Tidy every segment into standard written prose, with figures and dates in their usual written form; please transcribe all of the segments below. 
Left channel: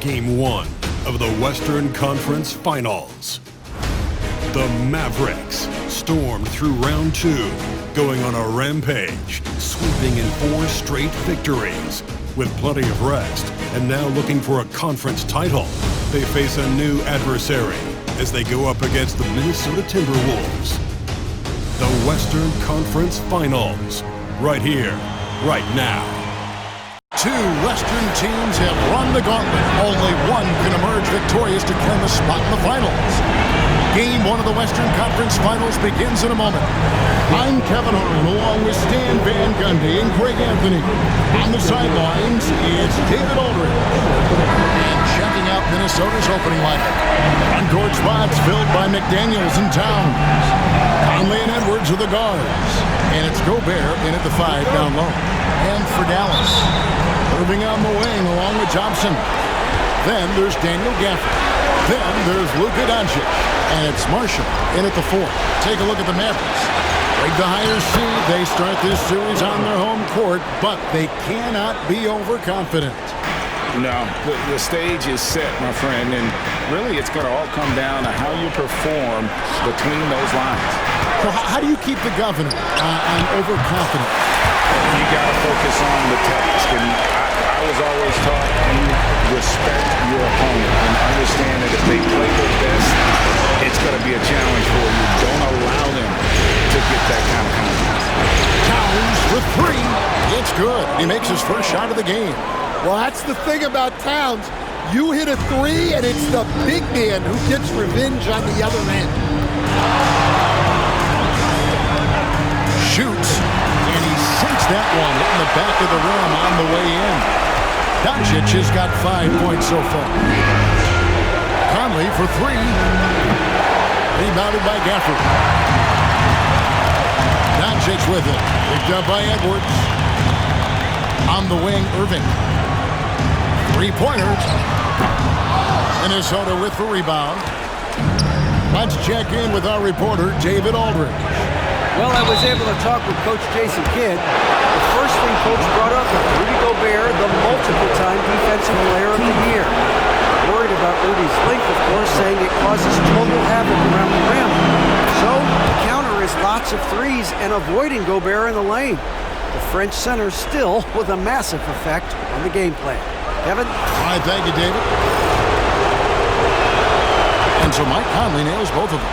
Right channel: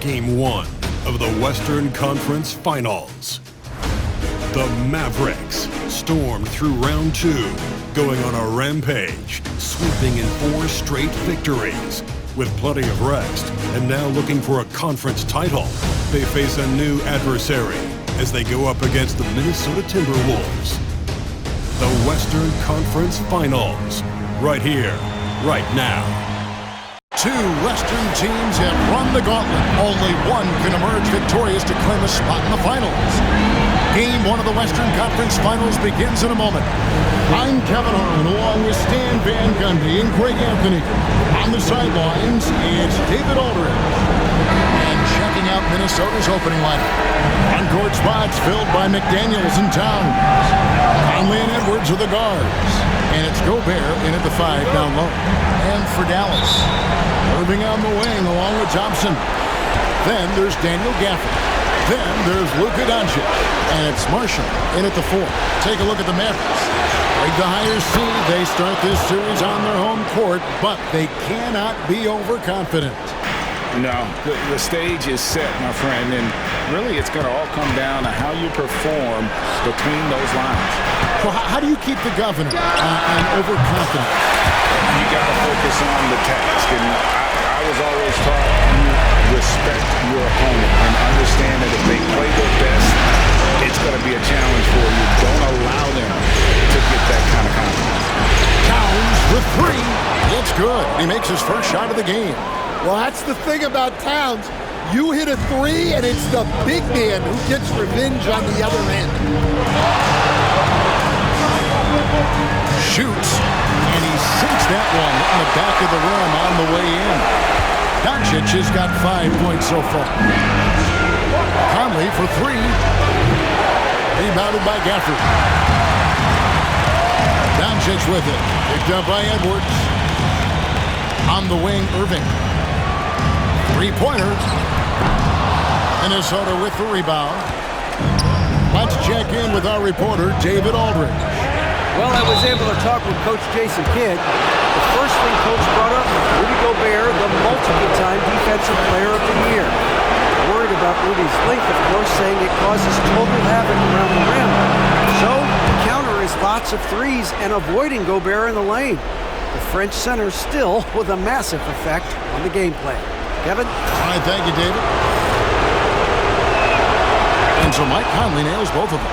Game 1 of the Western Conference Finals. The Mavericks stormed through round 2, going on a rampage, sweeping in 4 straight victories. With plenty of rest and now looking for a conference title, they face a new adversary as they go up against the Minnesota Timberwolves. The Western Conference Finals, right here, right now. 2 Western teams have run the gauntlet. Only one can emerge victorious to claim a spot in the finals. Game 1 of the Western Conference Finals begins in a moment. I'm Kevin Harlan along with Stan Van Gundy and Greg Anthony. On the sidelines, it's David Aldridge. And checking out Minnesota's opening lineup. On-court spots filled by McDaniels and Towns. Conley and Edwards are the guards. And it's Gobert in at the 5 down low. And for Dallas, Irving on the wing along with Thompson. Then there's Daniel Gafford. Then there's Luka Doncic. And it's Marshall in at the 4. Take a look at the Mavericks. With the higher seed, they start this series on their home court, but they cannot be overconfident. No, the stage is set, my friend, and really it's going to all come down to how you perform between those lines. Well, how do you keep the governor on overconfident? You got to focus on the task, and I was always taught you respect your opponent and understand that if they play their best, it's going to be a challenge for you. Don't allow them to get that kind of confidence. Towns with 3. It's good. He makes his first shot of the game. Well, that's the thing about Towns. You hit a 3, and it's the big man who gets revenge on the other end. Shoots, and he sinks that one, hitting the back of the rim on the way in. Doncic has got 5 points so far. Conley for 3. Rebounded by Gafford. Doncic with it. Picked up by Edwards. On the wing, Irving. 3-pointer. Minnesota with the rebound. Let's check in with our reporter, David Aldridge. Well, I was able to talk with Coach Jason Kidd. The first thing Coach brought up was Rudy Gobert, the multiple-time Defensive Player of the Year. Worried about Rudy's length, of course, saying it causes total havoc around the rim. So, the counter is lots of threes and avoiding Gobert in the lane. The French center still with a massive effect on the gameplay. Kevin? All right, thank you, David. And so Mike Conley nails both of them.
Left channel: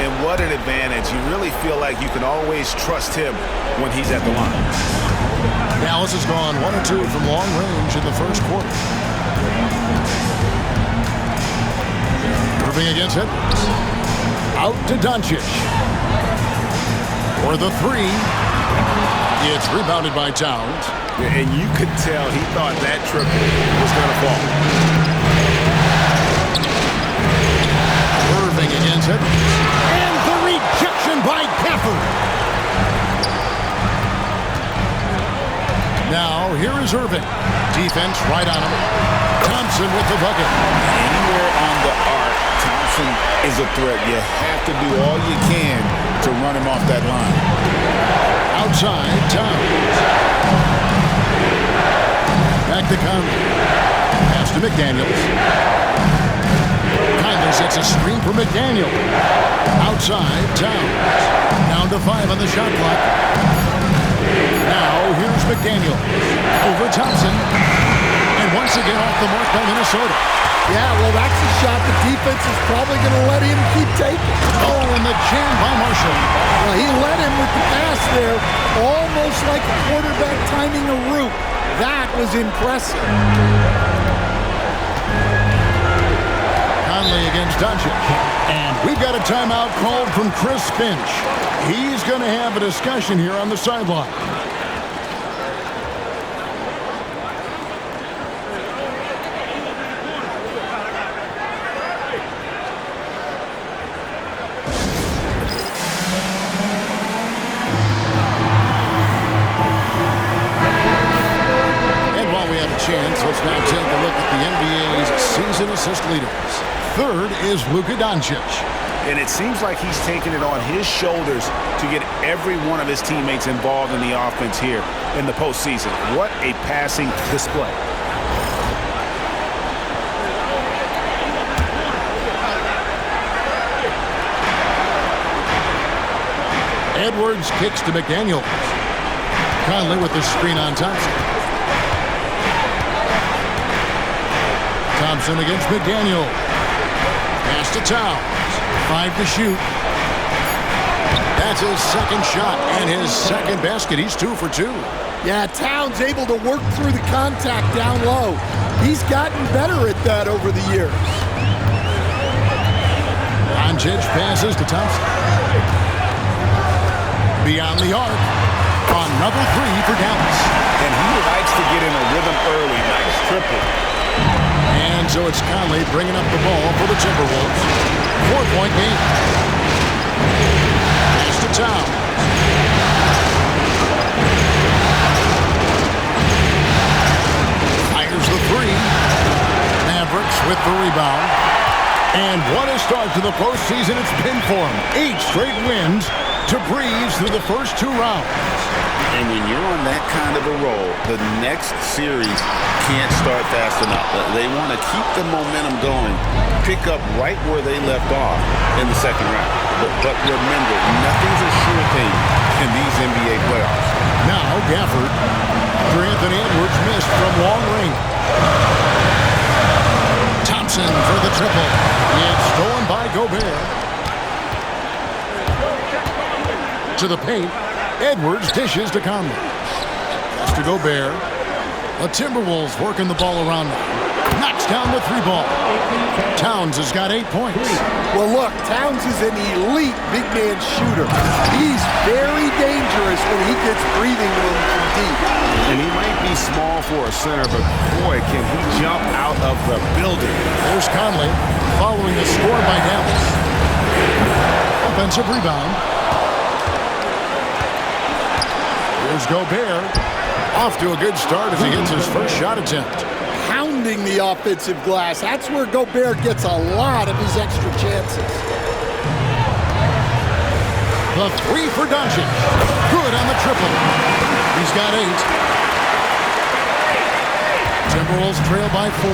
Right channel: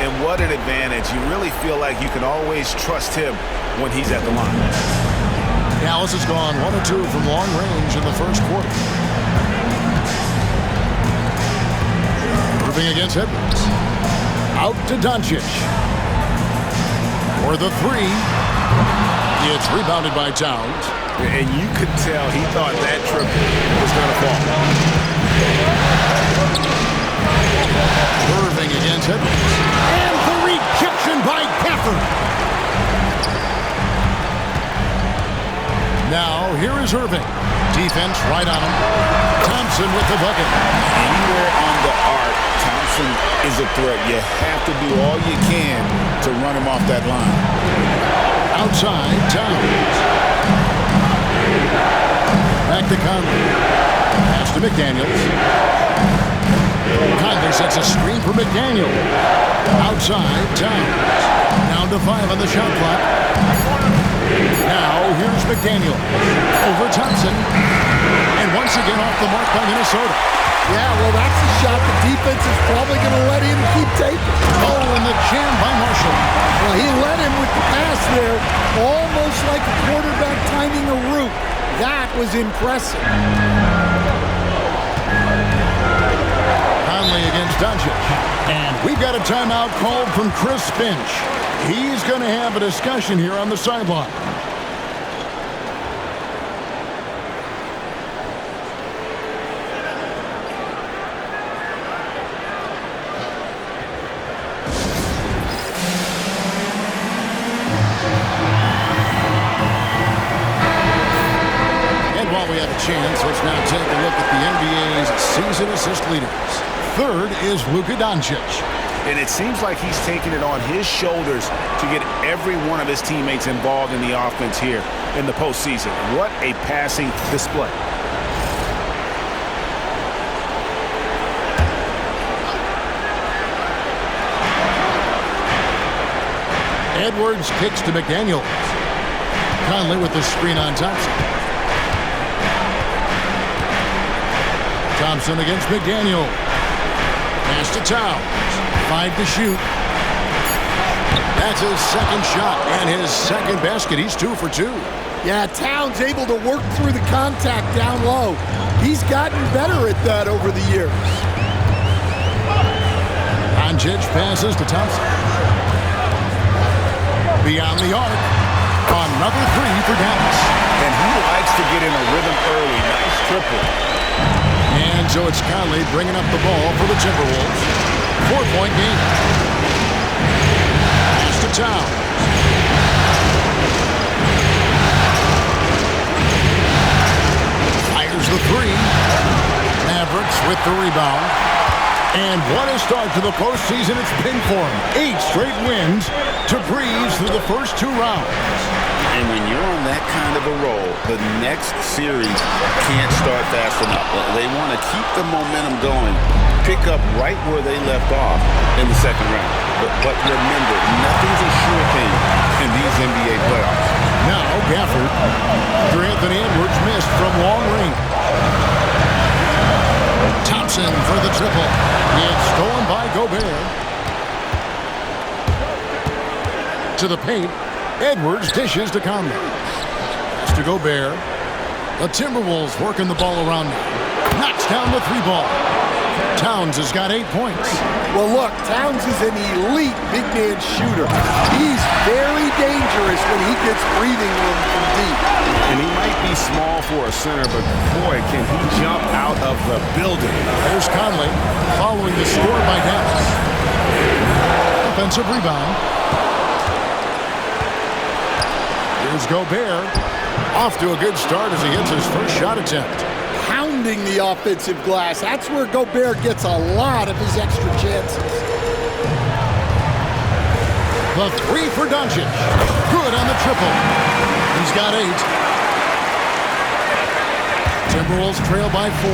And what an advantage. You really feel like you can always trust him when he's at the line. Dallas has gone 1 of 2 from long range in the first quarter. Irving against Edwards. Out to Doncic. For the 3. It's rebounded by Towns. And you could tell he thought that triple was going to fall. Irving against Edwards. And the rejection by Gafford. Now, here is Irving. Defense right on him. Thompson with the bucket. Anywhere on the arc, Thompson is a threat. You have to do all you can to run him off that line. Outside, Towns. Back to Conley. Pass to McDaniels. Conley sets a screen for McDaniel. Outside, Towns. Down to 5 on the shot clock. Now, here's McDaniel. Over Thompson. And once again off the mark by Minnesota. Yeah, well, that's a shot the defense is probably going to let him keep taking. Oh, and the jam by Marshall. Well, he led him with the pass there, almost like a quarterback timing a route. That was impressive. Conley against Doncic. And we've got a timeout called from Chris Finch. He's going to have a discussion here on the sideline. And while we have a chance, let's now take a look at the NBA's season assist leaders. 3rd is Luka Doncic. And it seems like he's taking it on his shoulders to get every one of his teammates involved in the offense here in the postseason. What a passing display. Edwards kicks to McDaniels. Conley with the screen on Thompson. Thompson against McDaniel. Pass to Towns. 5 to shoot. That's his second shot and his second basket. He's 2 for 2. Yeah, Towns able to work through the contact down low. He's gotten better at that over the years. Doncic passes to Thompson. Beyond the arc. Another 3 for Dallas. And he likes to get in a rhythm early. Nice triple. And so it's Conley bringing up the ball for the Timberwolves. 4-point game. Pass to Towns. Fires the 3. Mavericks with the rebound. And what a start to the postseason it's been for him. 8 straight wins to breeze through the first 2 rounds. And when you're on that kind of a roll, the next series can't start fast enough. They want to keep the momentum going, pick up right where they left off in the second round. But remember, nothing's a sure thing in these NBA playoffs. Now Gafford. After Anthony Edwards missed from long range. Thompson for the triple. It's stolen by Gobert. To the paint. Edwards dishes to Conley. Pass to Gobert. The Timberwolves working the ball around now. Knocks down the 3 ball. Towns has got 8 points. Well, look, Towns is an elite big man shooter. He's very dangerous when he gets breathing room from deep. And he might be small for a center, but boy, can he jump out of the building. There's Conley following the score by Dallas. Offensive rebound. Here's Gobert. Off to a good start as he hits his first shot attempt. Pounding the offensive glass. That's where Gobert gets a lot of his extra chances. The 3 for Doncic. Good on the triple. He's got 8. Timberwolves trail by 4.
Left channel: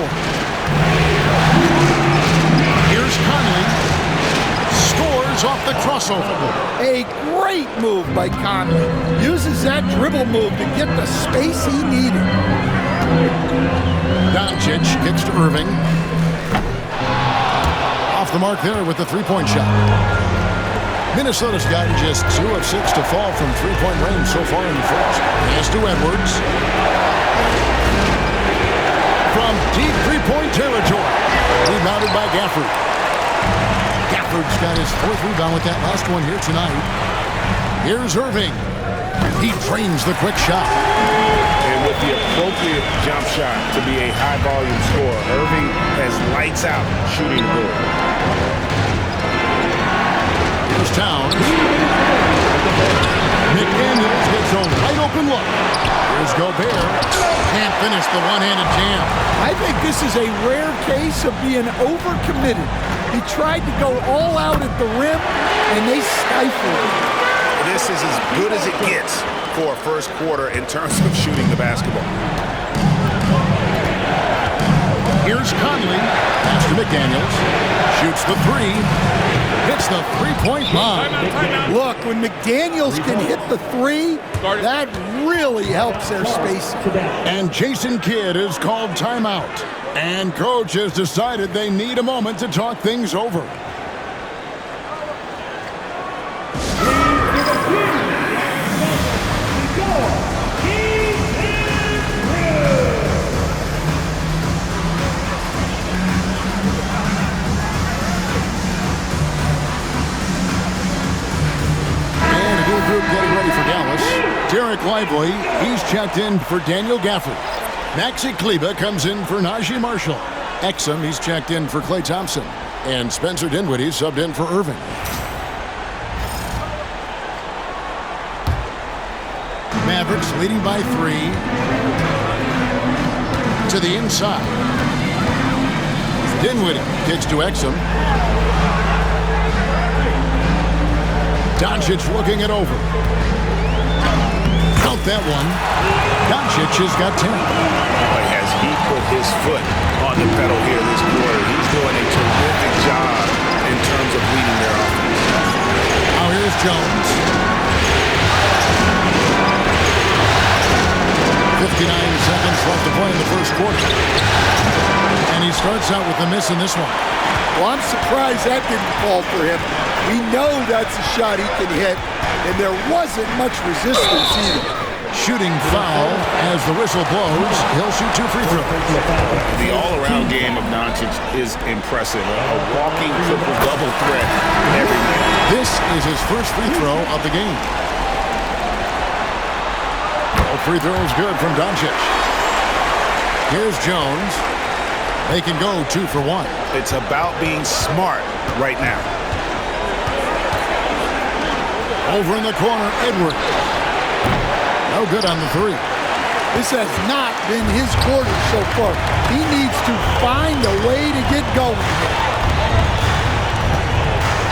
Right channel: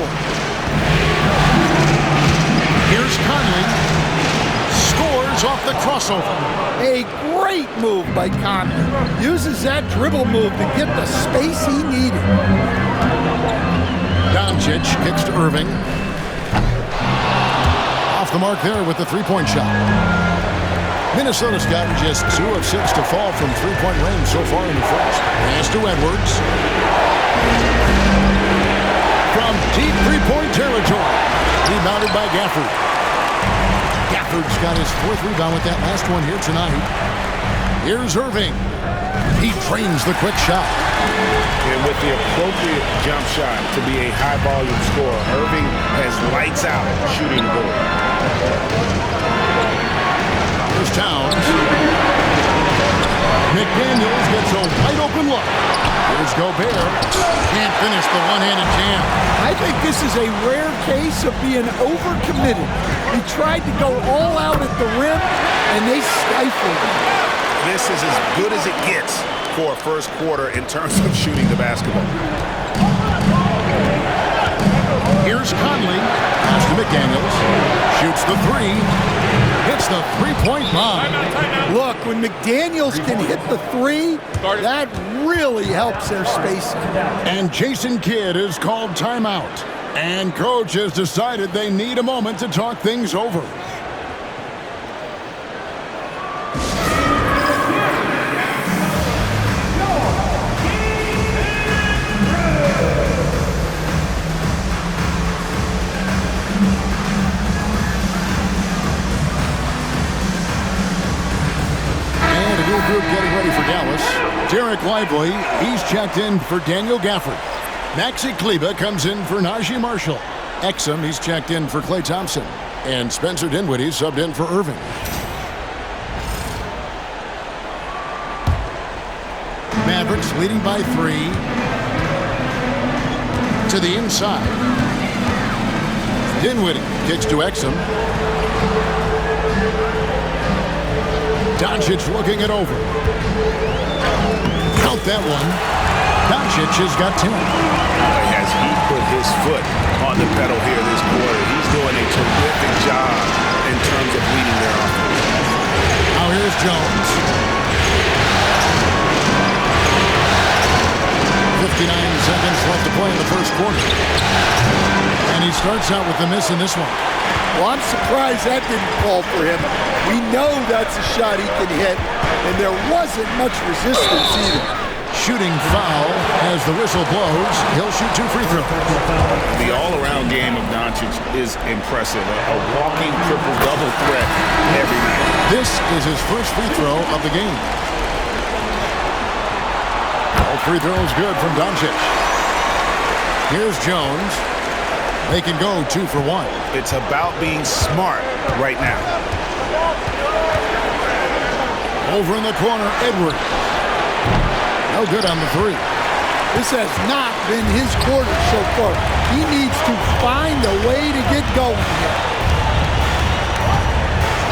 Here's Conley. Scores off the crossover. A great move by Conley. Uses that dribble move to get the space he needed. Doncic kicks to Irving. Off the mark there with the 3-point shot. Minnesota's gotten just 2 of 6 to fall from 3-point range so far in the first. Pass to Edwards. From deep 3-point territory. Rebounded by Gafford. Gafford's got his 4th rebound with that last one here tonight. Here's Irving. He trains the quick shot. And with the appropriate jump shot to be a high-volume scorer, Irving has lights out shooting the ball. Here's Towns. McDaniels gets a wide-open look. Here's Gobert. Can't finish the one-handed jam. I think this is a rare case of being overcommitted. He tried to go all out at the rim, and they stifled him. This is as good as it gets for a first quarter in terms of shooting the basketball. Here's Conley. Pass to McDaniels. Shoots the 3. Hits the 3-point bomb. Look, when McDaniels can hit the 3, that really helps their spacing. And Jason Kidd is called timeout. And coach has decided they need a moment to talk things over. And a new group getting ready for Dallas. Derek Lively, he's checked in for Daniel Gafford. Maxi Kleber comes in for Najee Marshall. Exum, he's checked in for Klay Thompson. And Spencer Dinwiddie subbed in for Irving. Mavericks leading by 3. To the inside. Dinwiddie kicks to Exum. Doncic looking it over. Count that one. Doncic has got 10. Boy, has he put his foot on the pedal here this quarter. He's doing a terrific job in terms of leading their offense. Now here's Jones. 59 seconds left to play in the first quarter. And he starts out with the miss in this one. Well, I'm surprised that didn't fall for him. We know that's a shot he can hit, and there wasn't much resistance either. Shooting foul as the whistle blows. He'll shoot 2 free throws. The all-around game of Doncic is impressive. A walking triple-double threat every night. This is his first free throw of the game. All free throws good from Doncic. Here's Jones. They can go 2 for 1. It's about being smart right now. Over in the corner, Edwards. No good on the 3. This has not been his quarter so far. He needs to find a way to get going here.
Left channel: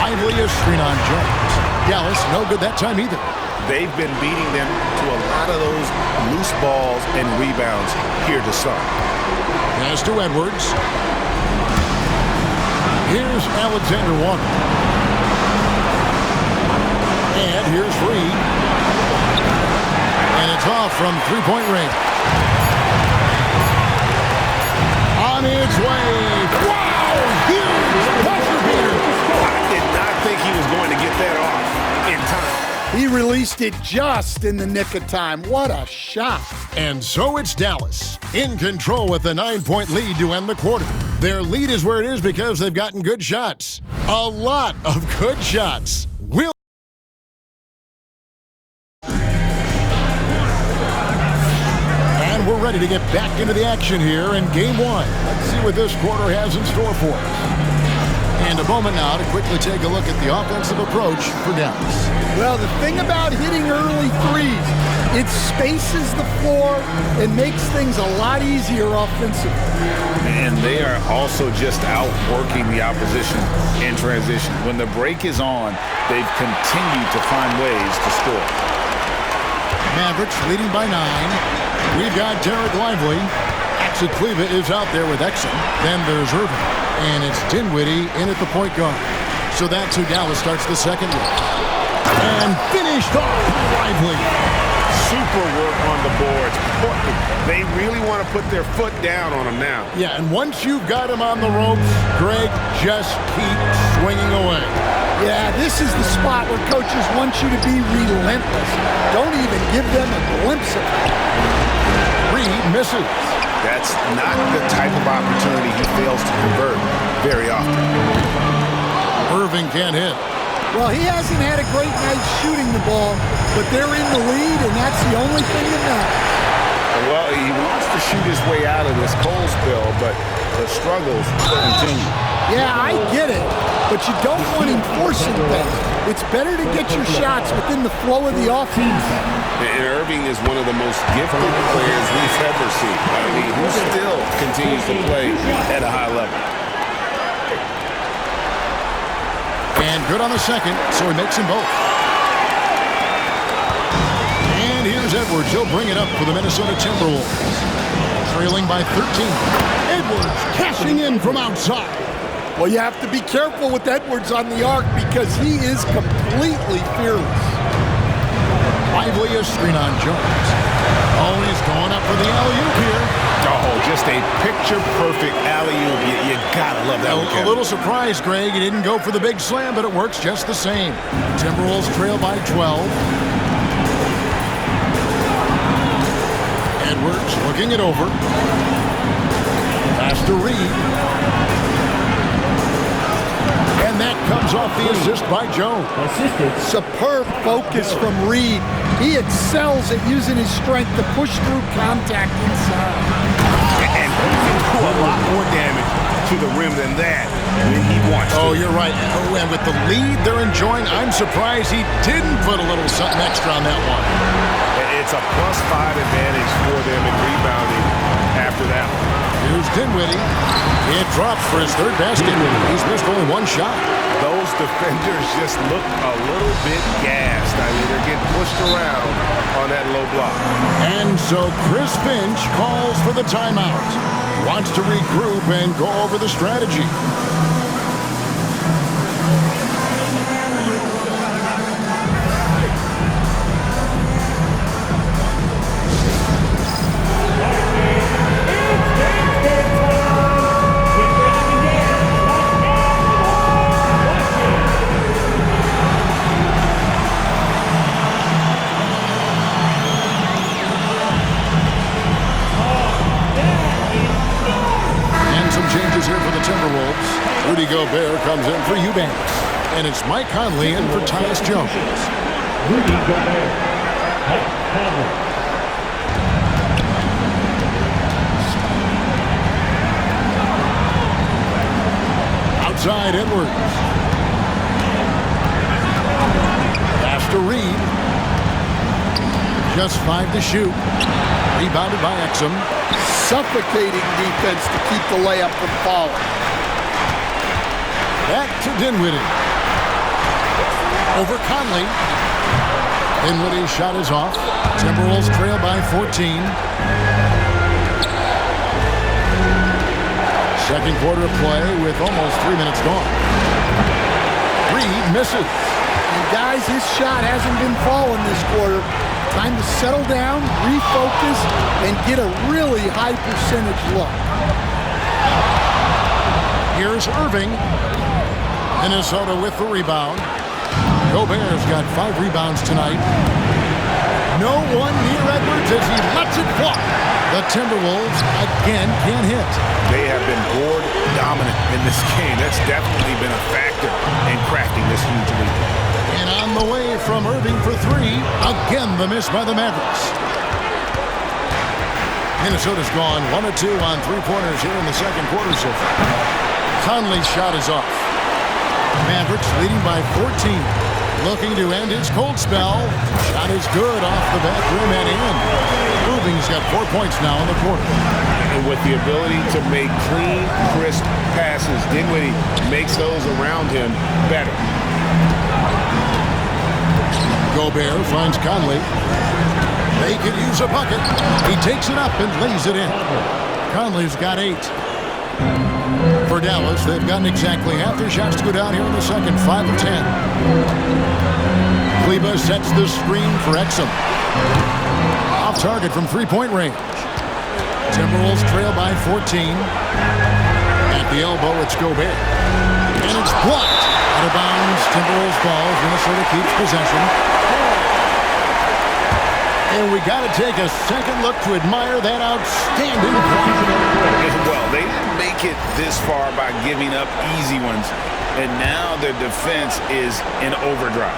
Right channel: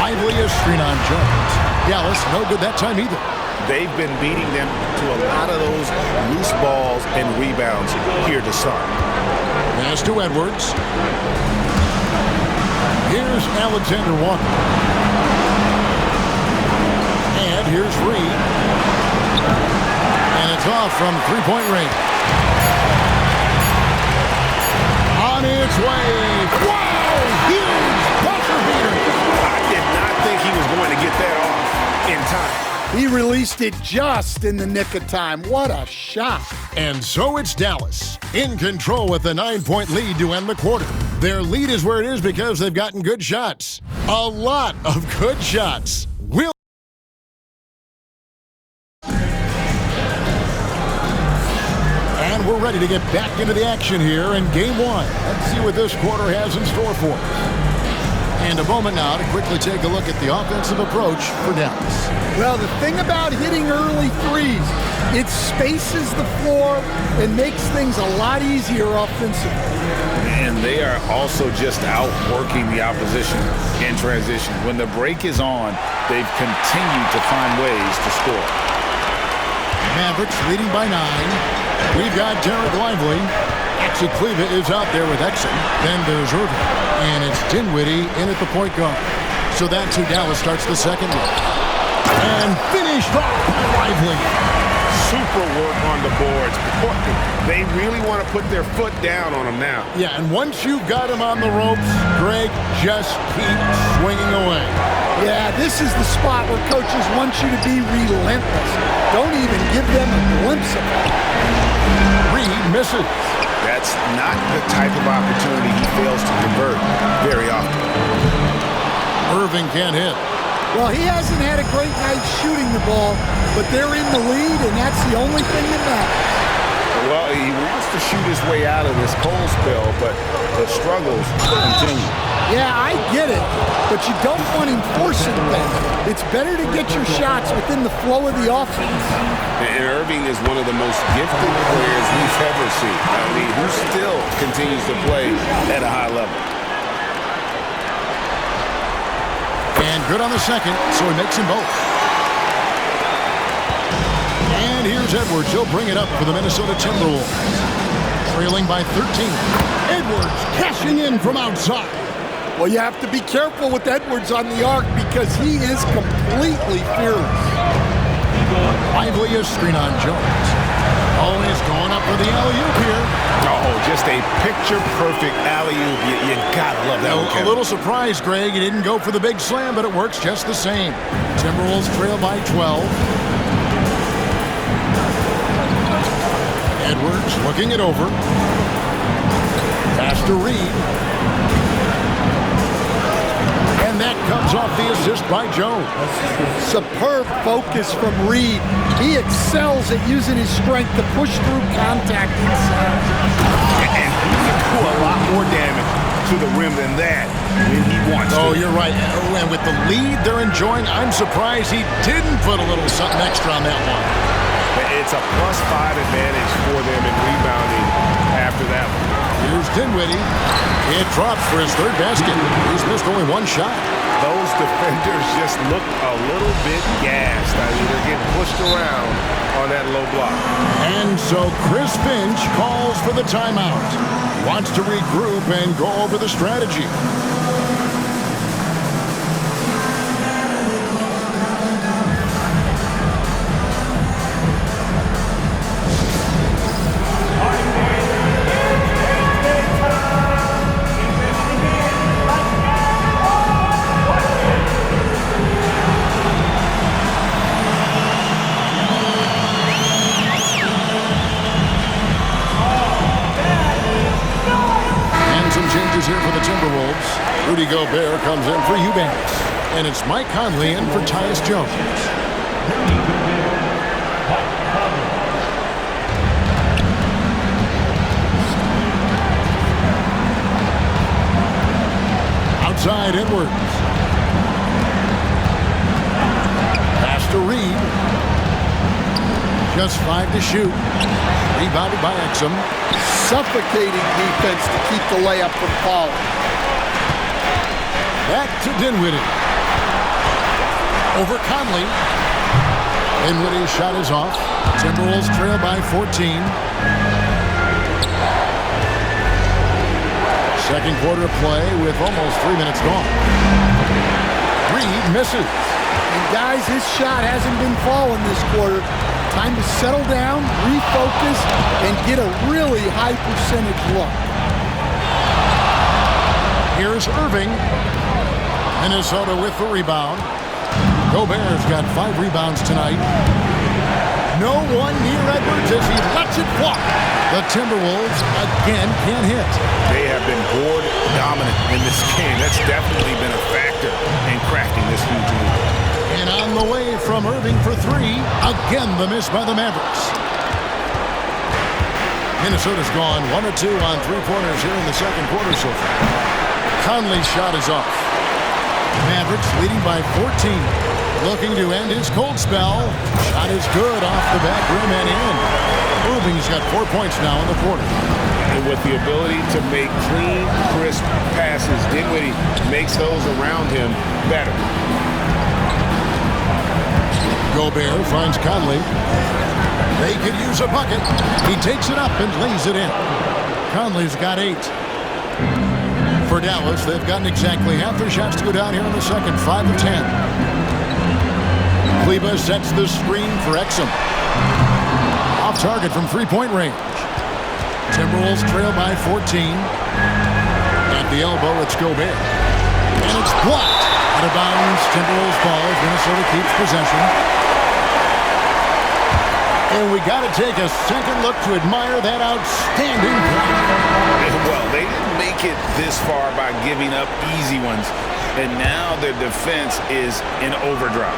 Lively a screen on Jones. Dallas, no good that time either. They've been beating them to a lot of those loose balls and rebounds here to start. Pass to Edwards. Here's Alexander Walker. And here's Reed. And it's off from three-point range. On its way. Wow! Huge buzzer beater. I did not think he was going to get that off in time. He released it just in the nick of time. What a shot. And so it's Dallas in control with a 9-point lead to end the quarter. Their lead is where it is because they've gotten good shots. A lot of good shots. And we're ready to get back into the action here in Game 1. Let's see what this quarter has in store for us. And a moment now to quickly take a look at the offensive approach for Dallas. Well, the thing about hitting early threes, it spaces the floor and makes things a lot easier offensively. And they are also just outworking the opposition in transition. When the break is on, they've continued to find ways to score. Mavericks leading by 9. We've got Derek Lively. Actually, Cleva is out there with Exum. Then there's Irving. And it's Dinwiddie in at the point guard. So that's who Dallas starts the second with. And finished off by Lively. Super work on the boards. Boy, they really want to put their foot down on them now. Yeah, and once you've got him on the ropes, Greg, just keep swinging away. Yeah, this is the spot where coaches want you to be relentless. Don't even give them a glimpse of it. Reed misses. That's not the type of opportunity he fails to convert very often. Irving can't hit. Well, he hasn't had a great night shooting the ball, but they're in the lead, and that's the only thing that matters. Well, he wants to shoot his way out of this cold spell, but the struggles continue. Yeah, I get it, but you don't want him forcing things. It's better to get your shots within the flow of the offense. And Irving is one of the most gifted players we've ever seen. I mean, who still continues to play at a high level. And good on the second, so he makes them both. And here's Edwards. He'll bring it up for the Minnesota Timberwolves. Trailing by 13. Edwards cashing in from outside. Well, you have to be careful with Edwards on the arc because he is completely fearless. Lively a screen on Jones. Oh, he's going up for the alley-oop here. Oh, just a picture-perfect alley-oop. You gotta love that one, Kevin. A little surprised, Greg. He didn't go for the big slam, but it works just the same. Timberwolves trail by 12. Edwards looking it over. Pass to Reed. And that comes off the assist by Jones. Superb focus from Reed. He excels at using his strength to push through contact inside. And he can do a lot more damage to the rim than that when he wants to. Oh, you're right. And with the lead they're enjoying, I'm surprised he didn't put a little something extra on that one. It's a +5 advantage for them in rebounding after that one. Here's Dinwiddie. It drops for his third basket. He's missed only one shot. Those defenders just look a little bit gassed. I mean, they're getting pushed around on that low block. And so Chris Finch calls for the timeout. Wants to regroup and go over the strategy. changes here for the Timberwolves. Rudy Gobert comes in for Eubanks. And it's Mike Conley in for Tyus Jones. Rudy Gobert. Mike Conley. Outside Edwards. Pass to Reed. Just 5 to shoot. Rebounded by Exum. Suffocating defense to keep the layup from falling. Back to Dinwiddie. Over Conley. Dinwiddie's shot is off. Timberwolves trail by 14. Second quarter of play with almost 3 minutes gone. Reed misses. And guys, his shot hasn't been falling this quarter. Time to settle down, refocus, and get a really high percentage look. Here's Irving. Minnesota with the rebound. Gobert's got 5 rebounds tonight. No one near Edwards as he lets it fly. The Timberwolves again can't hit. They have been board dominant in this game. That's definitely been a factor in crafting this huge lead. And on the way from Irving for 3. Again, the miss by the Mavericks. Minnesota's gone 1 of 2 on 3-pointers here in the second quarter so far. Conley's shot is off. Mavericks leading by 14. Looking to end his cold spell. Shot is good off the back rim and in. Irving's got 4 points now in the quarter. And with the ability to make clean, crisp passes, Dinwiddie makes those around him better. Gobert finds Conley. They could use a bucket. He takes it up and lays it in. Conley's got 8. For Dallas, they've gotten exactly half their shots to go down here in the second, 5 of 10. Kleber sets the screen for Exum. Off target from 3-point range. Timberwolves trail by 14. At the elbow, it's Gobert. And it's blocked. Out of bounds, Timberwolves ball. Minnesota keeps possession. And we got to take a second look to admire that outstanding block. Well, they didn't make it this far by giving up easy ones. And now their defense is in overdrive.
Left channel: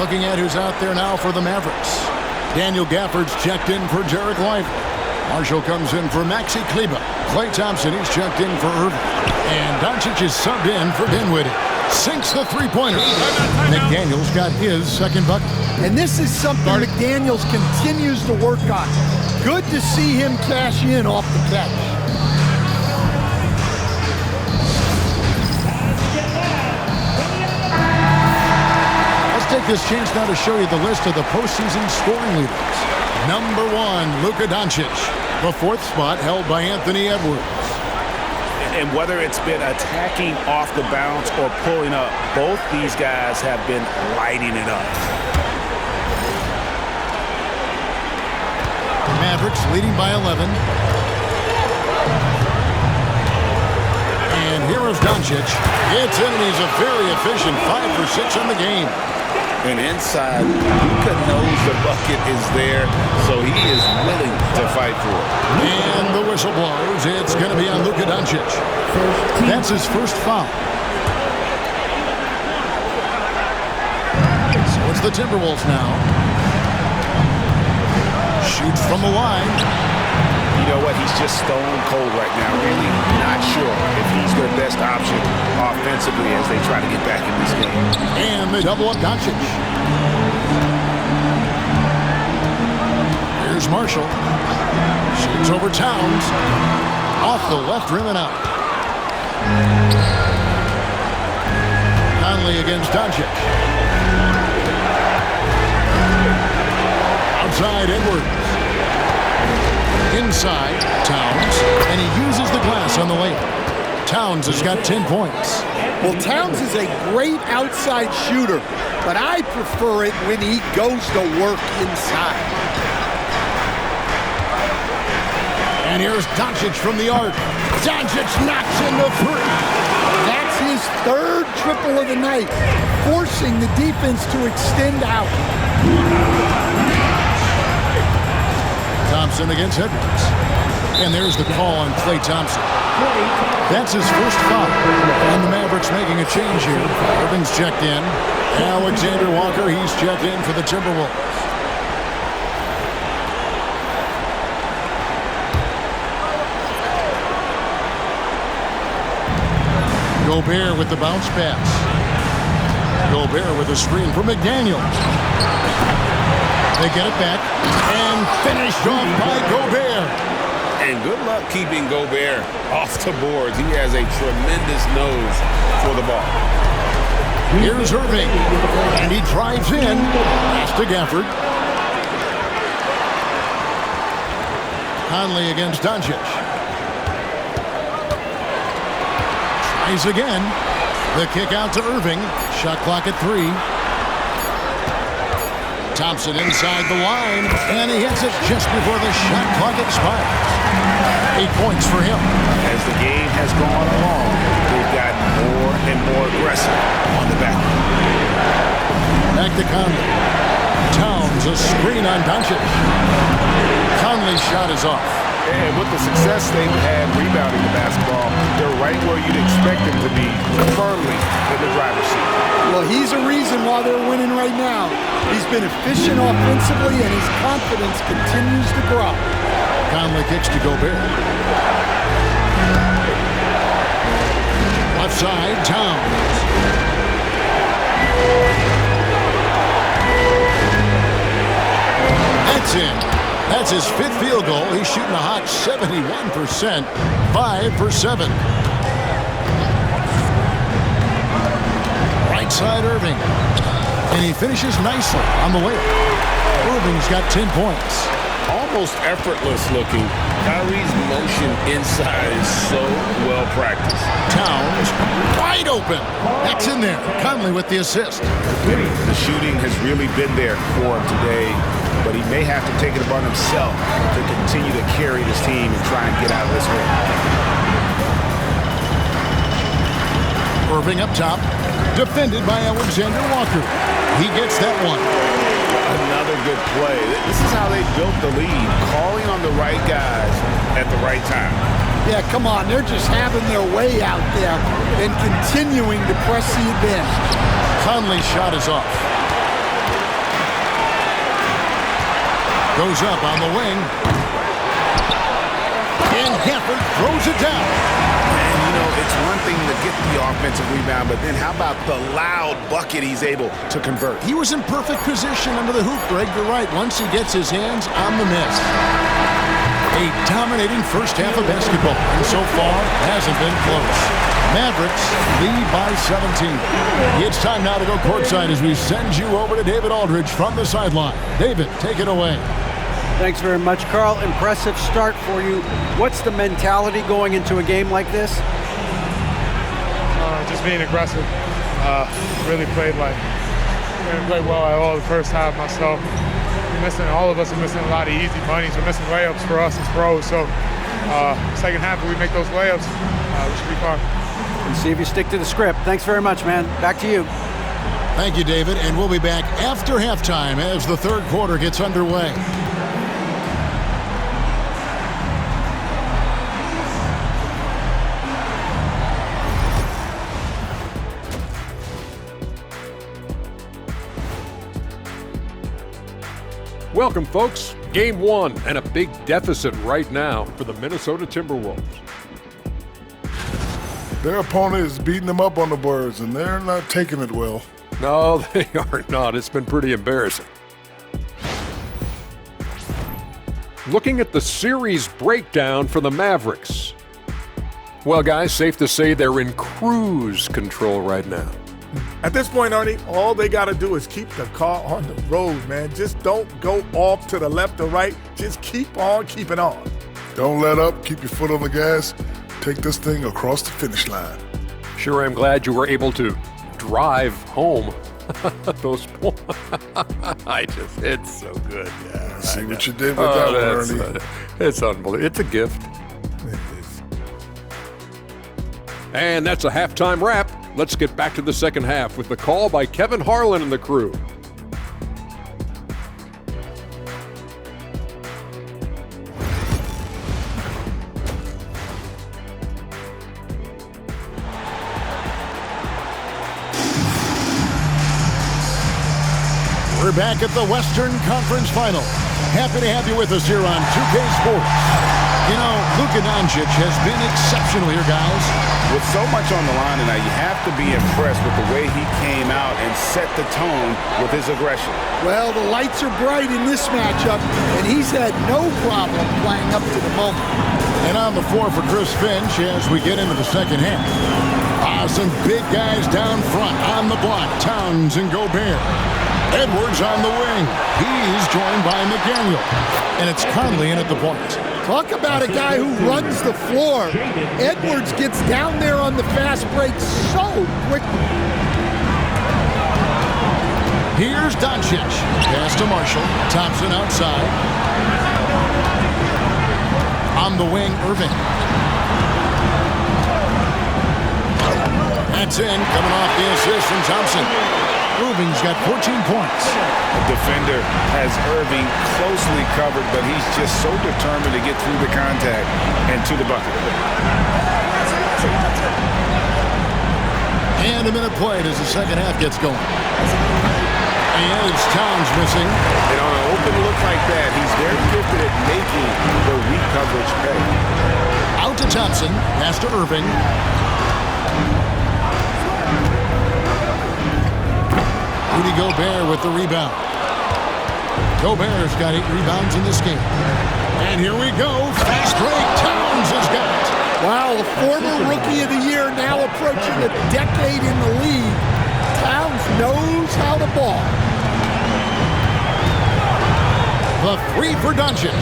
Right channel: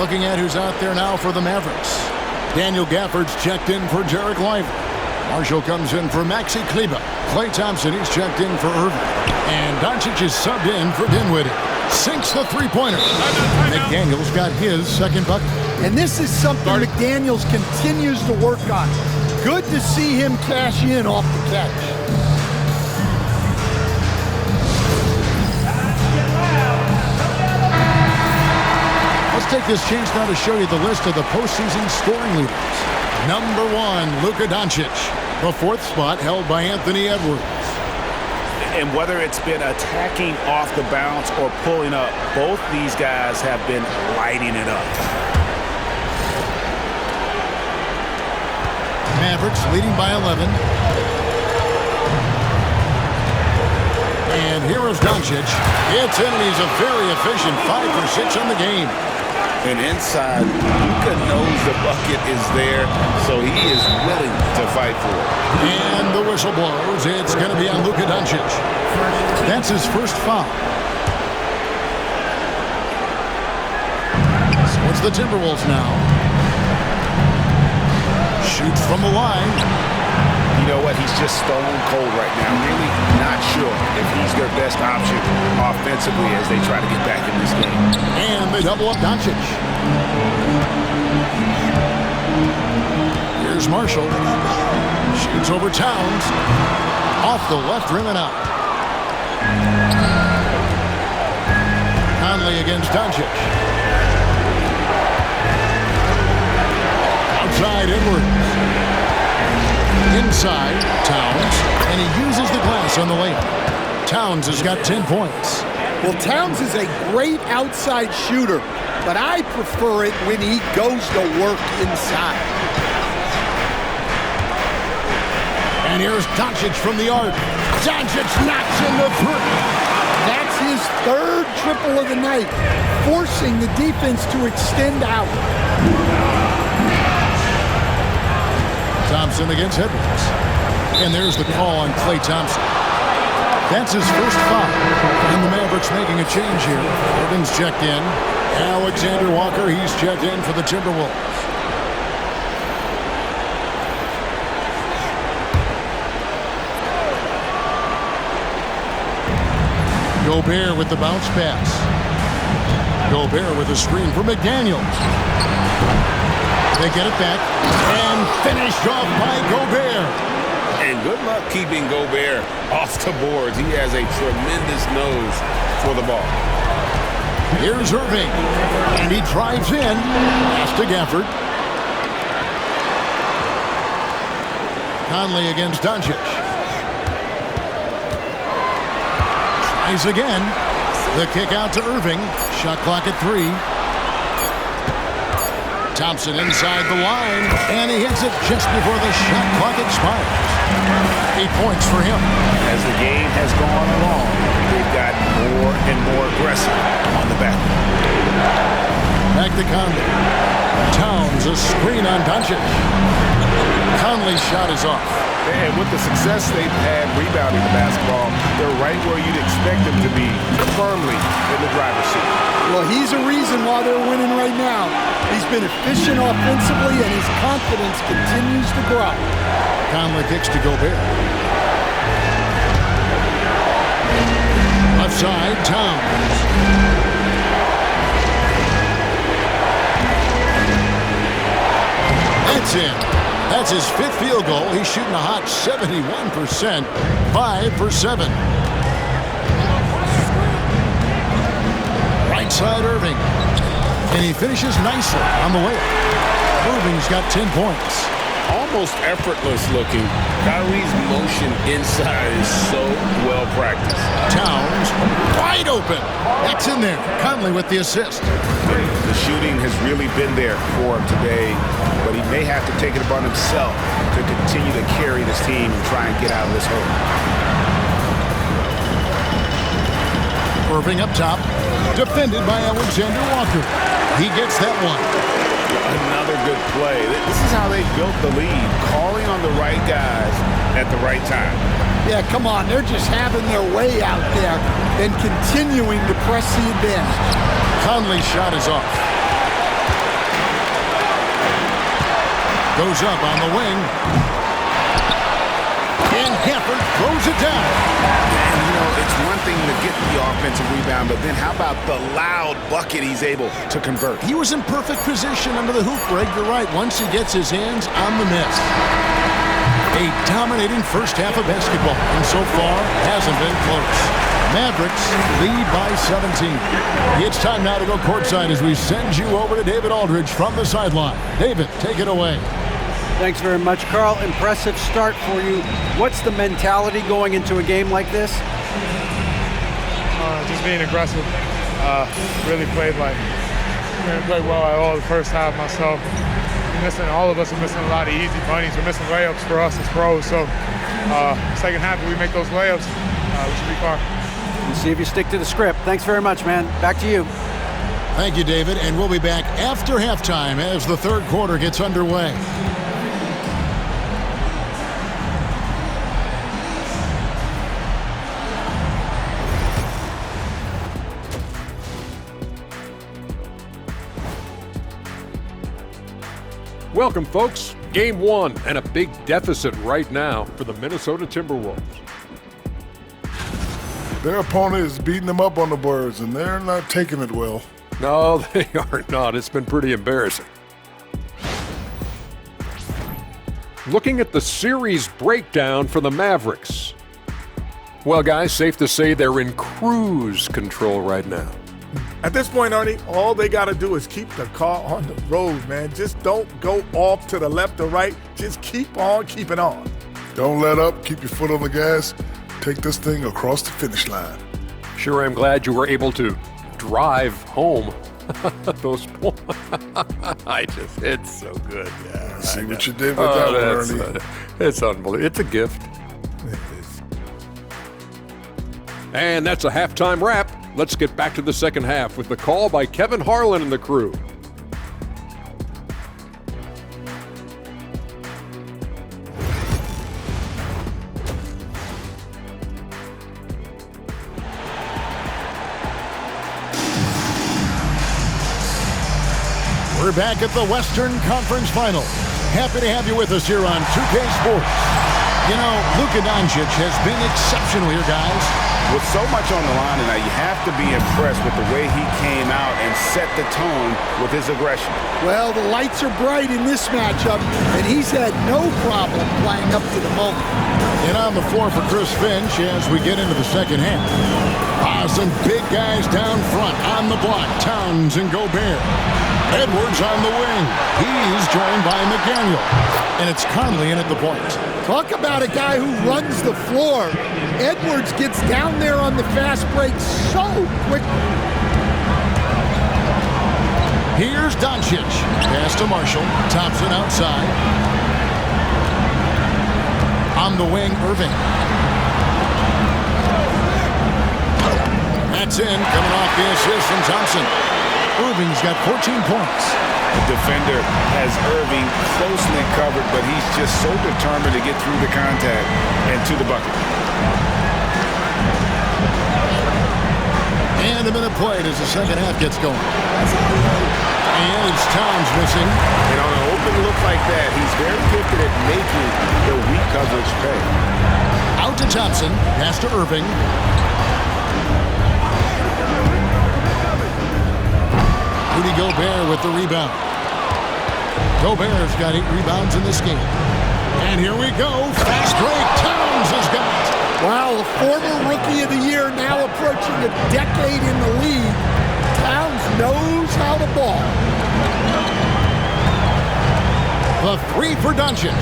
Looking at who's out there now for the Mavericks. Daniel Gafford's checked in for Jarek Lively. Marshall comes in for Maxi Kleber. Klay Thompson, he's checked in for Irving. And Doncic is subbed in for Dinwiddie. Sinks the 3-pointer. McDaniels got his second bucket. And this is something McDaniels continues to work on. Good to see him cash in off the catch. Let's take this chance now to show you the list of the postseason scoring leaders. Number 1, Luka Doncic. The 4th spot held by Anthony Edwards. And whether it's been attacking off the bounce or pulling up, both these guys have been lighting it up. Mavericks leading by 11. And here is Doncic. It's in, and he's a very efficient 5 for 6 on the game. And inside, Luka knows the bucket is there, so he is willing to fight for it. And the whistle blows. It's going to be on Luka Doncic. That's his first foul. So it's the Timberwolves now. Shoots from the line. You know what? He's just stone cold right now. Really not sure if he's their best option offensively as they try to get back in this game. And they double up Doncic. Here's Marshall. Shoots over Towns. Off the left rim and out. Conley against Doncic. Outside Edwards. Inside, Towns, and he uses the glass on the layup. Towns has got 10 points. Well, Towns is a great outside shooter, but I prefer it when he goes to work inside. And here's Doncic from the arc. Doncic knocks in the 3. That's his 3rd triple of the night, forcing the defense to extend out. Thompson against Edwards. And there's the call on Klay Thompson. That's his first foul. And the Mavericks making a change here. Irving's checked in. Alexander Walker, he's checked in for the Timberwolves. Gobert with the bounce pass. Gobert with a screen for McDaniels. They get it back and finished off by Gobert. And good luck keeping Gobert off the boards. He has a tremendous nose for the ball. Here's Irving, and he drives in. Pass to Gafford. Conley against Doncic. Tries again. The kick out to Irving. Shot clock at 3. Thompson inside the line, and he hits it just before the shot clock expires. 8 points for him. As the game has gone along, they've gotten more and more aggressive on the back. Back to Conley. Towns a screen on Doncic. Conley's shot is off. And with the success they've had rebounding the basketball, they're right where you'd expect them to be, firmly in the driver's seat. Well, he's a reason why they're winning right now. He's been efficient offensively, and his confidence continues to grow. Conley kicks to Gobert. Left side, Towns. That's in. That's his 5th field goal. He's shooting a hot 71%, 5 for 7. Right side, Irving. And he finishes nicely on the way up. Irving's got 10 points. Almost effortless looking. Kyrie's motion inside is so well practiced. Towns wide open. That's in there. Conley with the assist. The shooting has really been there for him today, but he may have to take it upon himself to continue to carry this team and try and get out of this hole. Irving up top, defended by Alexander Walker. He gets that one. Another good play. This is how they built the lead, calling on the right guys at the right time. Yeah, come on. They're just having their way out there and continuing to press the advantage. Conley's shot is off. Goes up on the wing. And Gafford throws it down. And, you know, it's one thing to get the offensive rebound, but then how about the loud bucket he's able to convert? He was in perfect position under the hoop, Greg. You're right. Once he gets his hands on the miss. A dominating first half of basketball, and so far hasn't been close. Mavericks lead by 17. It's time now to go courtside as we send you over to David Aldridge from the sideline. David, take it away. Thanks very much, Carl. Impressive start for you. What's the mentality going into a game like this? Just being aggressive. Really played well at all the first half myself. All of us are missing a lot of easy bunnies. We're missing layups for us as pros. So second half, if we make those layups, we should be fine. And see if you stick to the script. Thanks very much, man. Back to you. Thank you, David. And we'll be back after halftime as the third quarter gets underway. Welcome, folks. Game 1 and a big deficit right now for the Minnesota Timberwolves. Their opponent is beating them up on the boards, and they're not taking it well. No, they are not. It's been pretty embarrassing. Looking at the series breakdown for the Mavericks. Well, guys, safe to say they're in cruise control right now. At this point, Ernie, all they got to do is keep the car on the road, man. Just don't go off to the left or right. Just keep on keeping on. Don't let up. Keep your foot on the gas. Take this thing across the finish line. Sure, I'm glad you were able to drive home. Those points. It's so good. Yeah, I see what you did with that one, Ernie. It's unbelievable. It's a gift. And that's a halftime wrap. Let's get back to the second half with the call by Kevin Harlan and the crew. We're back at the Western Conference Final. Happy to have you with us here on 2K Sports. You know, Luka Doncic has been exceptional here, guys. With so much on the line tonight, you have to be impressed with the way he came out and set the tone with his aggression. Well, the lights are bright in this matchup, and he's had no problem playing up to the moment. And on the floor for Chris Finch as we get into the second half. Some big guys down front on the block. Towns and Gobert. Edwards on the wing. He's joined by McDaniel. And it's Conley in at the point. Talk about a guy who runs the floor. Edwards gets down there on the fast break so quickly. Here's Doncic. Pass to Marshall. Thompson outside. On the wing, Irving. That's in, coming off the assist from Thompson. Irving's got 14 points. The defender has Irving closely covered, but he's just so determined to get through the contact and to the bucket. And a minute played as the second half gets going. And it's Towns missing. And on an open look like that, he's very gifted at making the weak coverage pay. Out to Thompson, pass to Irving. Rudy Gobert with the rebound. Gobert's got 8 rebounds in this game. And here we go. Fast break. Towns has got it. Wow, a former Rookie of the Year now approaching a decade in the league. Towns knows how to ball. The 3 for Doncic.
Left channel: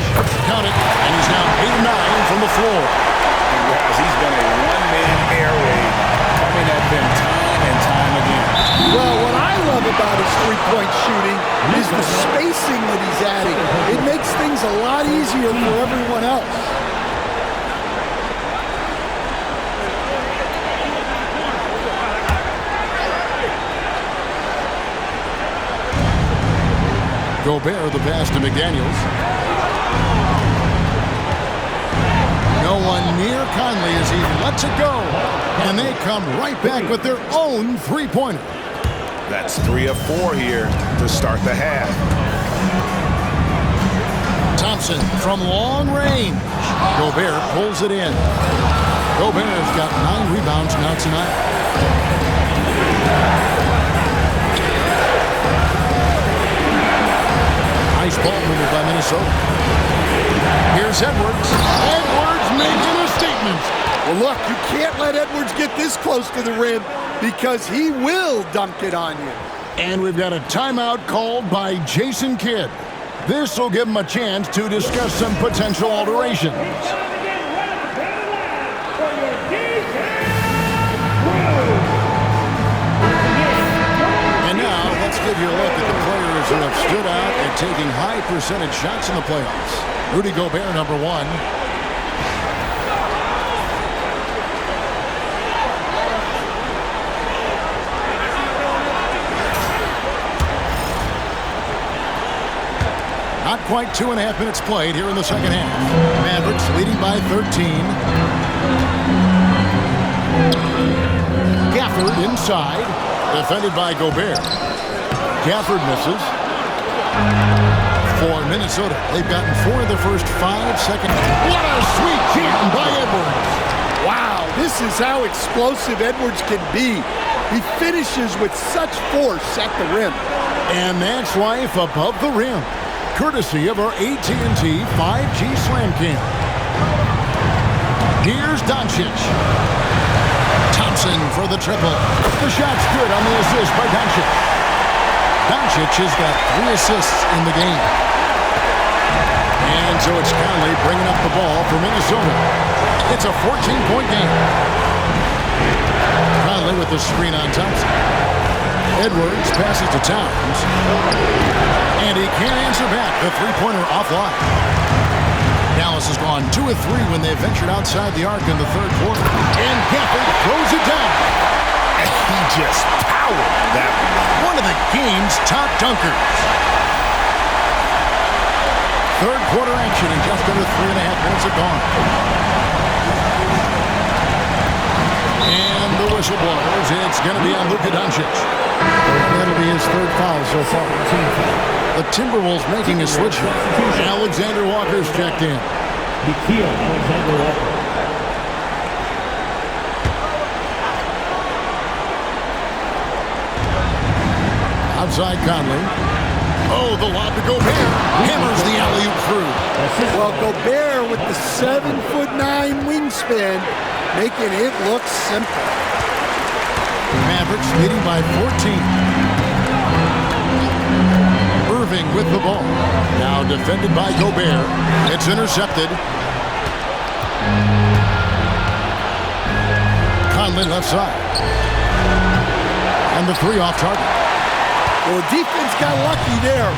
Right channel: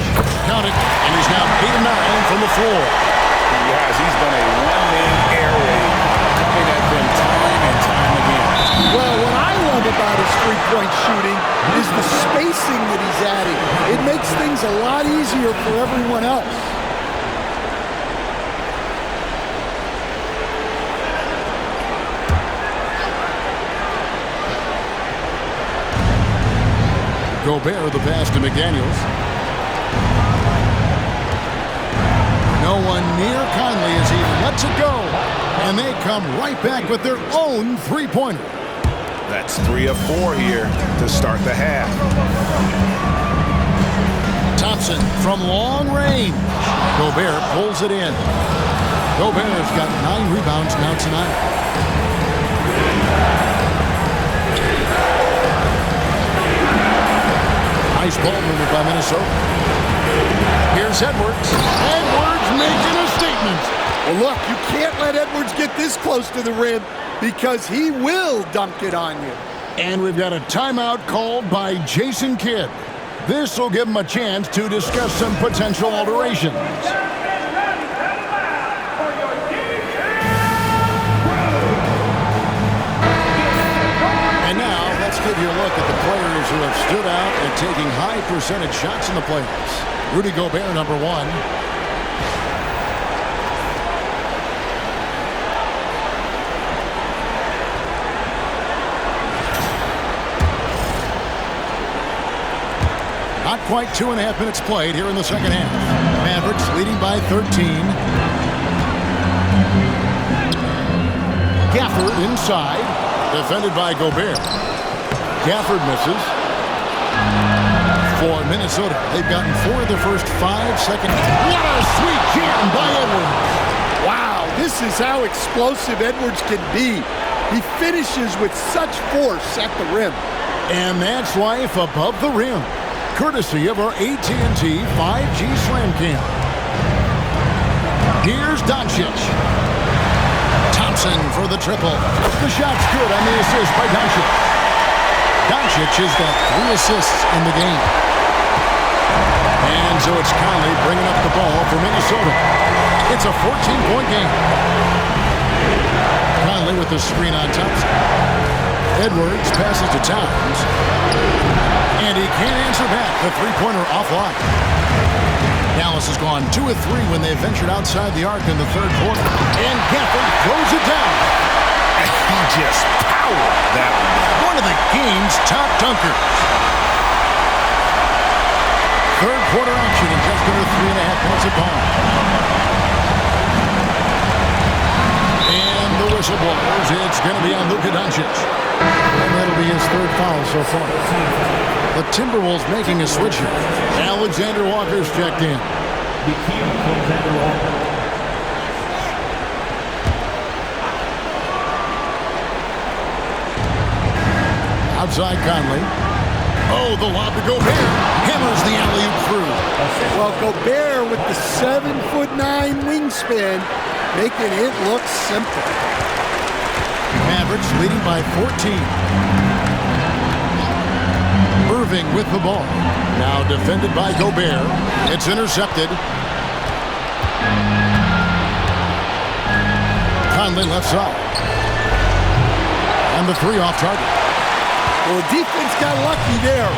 Count it. And he's now 8 of 9 from the floor. And guys, he's been a one-man air raid coming at them time and time again. Well, what I love about his three-point shooting is the spacing that he's adding. It makes things a lot easier for everyone else. Gobert the pass to McDaniels. No one near Conley as he lets it go. And they come right back with their own three-pointer. That's 3 of 4 here to start the half. Thompson from long range. Gobert pulls it in. Gobert's got 9 rebounds now tonight. Nice ball movement by Minnesota. Here's Edwards. Edwards making a statement. Well, look, you can't let Edwards get this close to the rim because he will dunk it on you. And we've got a timeout called by Jason Kidd. This will give him a chance to discuss some potential alterations. And now, let's give you a look at the players who have stood out and taking high percentage shots in the playoffs. Rudy Gobert, number 1. Not quite 2.5 minutes played here in the second half. Mavericks leading by 13. Gafford inside. Defended by Gobert. Gafford misses. For Minnesota, they've gotten 4 of the first 5 seconds. What a sweet jam by Edwards. Wow, this is how explosive Edwards can be. He finishes with such force at the rim. And that's life above the rim. Courtesy of our AT&T 5G Slam Cam. Here's Doncic. Thompson for the triple. The shot's good on the assist by Doncic. Doncic has got 3 assists in the game. And so it's Conley bringing up the ball for Minnesota. It's a 14-point game. Conley with the screen on Thompson. Edwards passes to Towns. And he can't answer back. The three-pointer offline. Dallas has gone 2 of 3 when they ventured outside the arc in the third quarter. And Gafford throws it down. And he just powered that one down. One of the game's top dunkers. Third quarter action in just under 3.5 minutes have gone. And the whistle blows. It's going to be on Luka Doncic. And that'll be his third foul so far. The Timberwolves making a switch here. Alexander Walker's checked in. Alexander Walker. Outside Conley. Oh, the lob to Gobert. Hammers the alley-oop through. Well, Gobert with the 7'9" wingspan, making it look simple. Mavericks leading by 14. Irving with the ball. Now defended by Gobert. It's intercepted. Conley left side. And the three off target. Well, the defense got lucky there.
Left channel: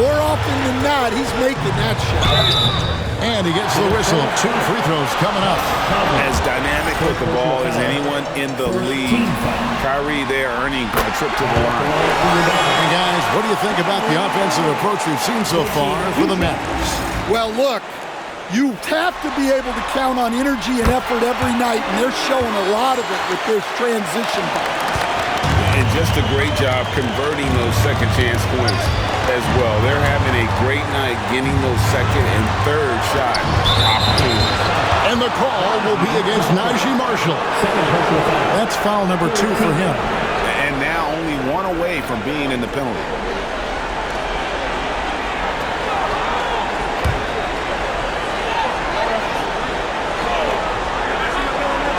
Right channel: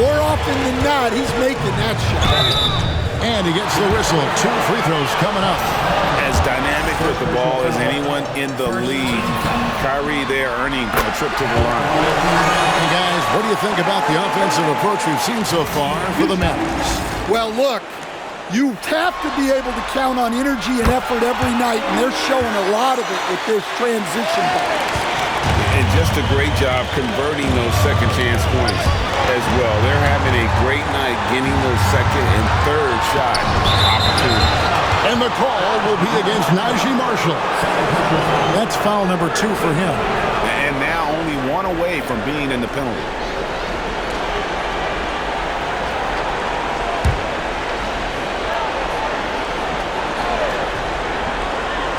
More often than not, he's making that shot. And he gets the whistle. 2 free throws coming up. As dynamic with the ball as anyone in the league. Kyrie there earning a trip to the line. Hey, guys, what do you think about the offensive approach we've seen so far for the Mavericks? Well, look, you have to be able to count on energy and effort every night, and they're showing a lot of it with their transition balls. And just a great job converting those second chance points as well. They're having a great night getting those second and third shot opportunities. And the call will be against Najee Marshall. That's foul number 2 for him. And now only 1 away from being in the penalty.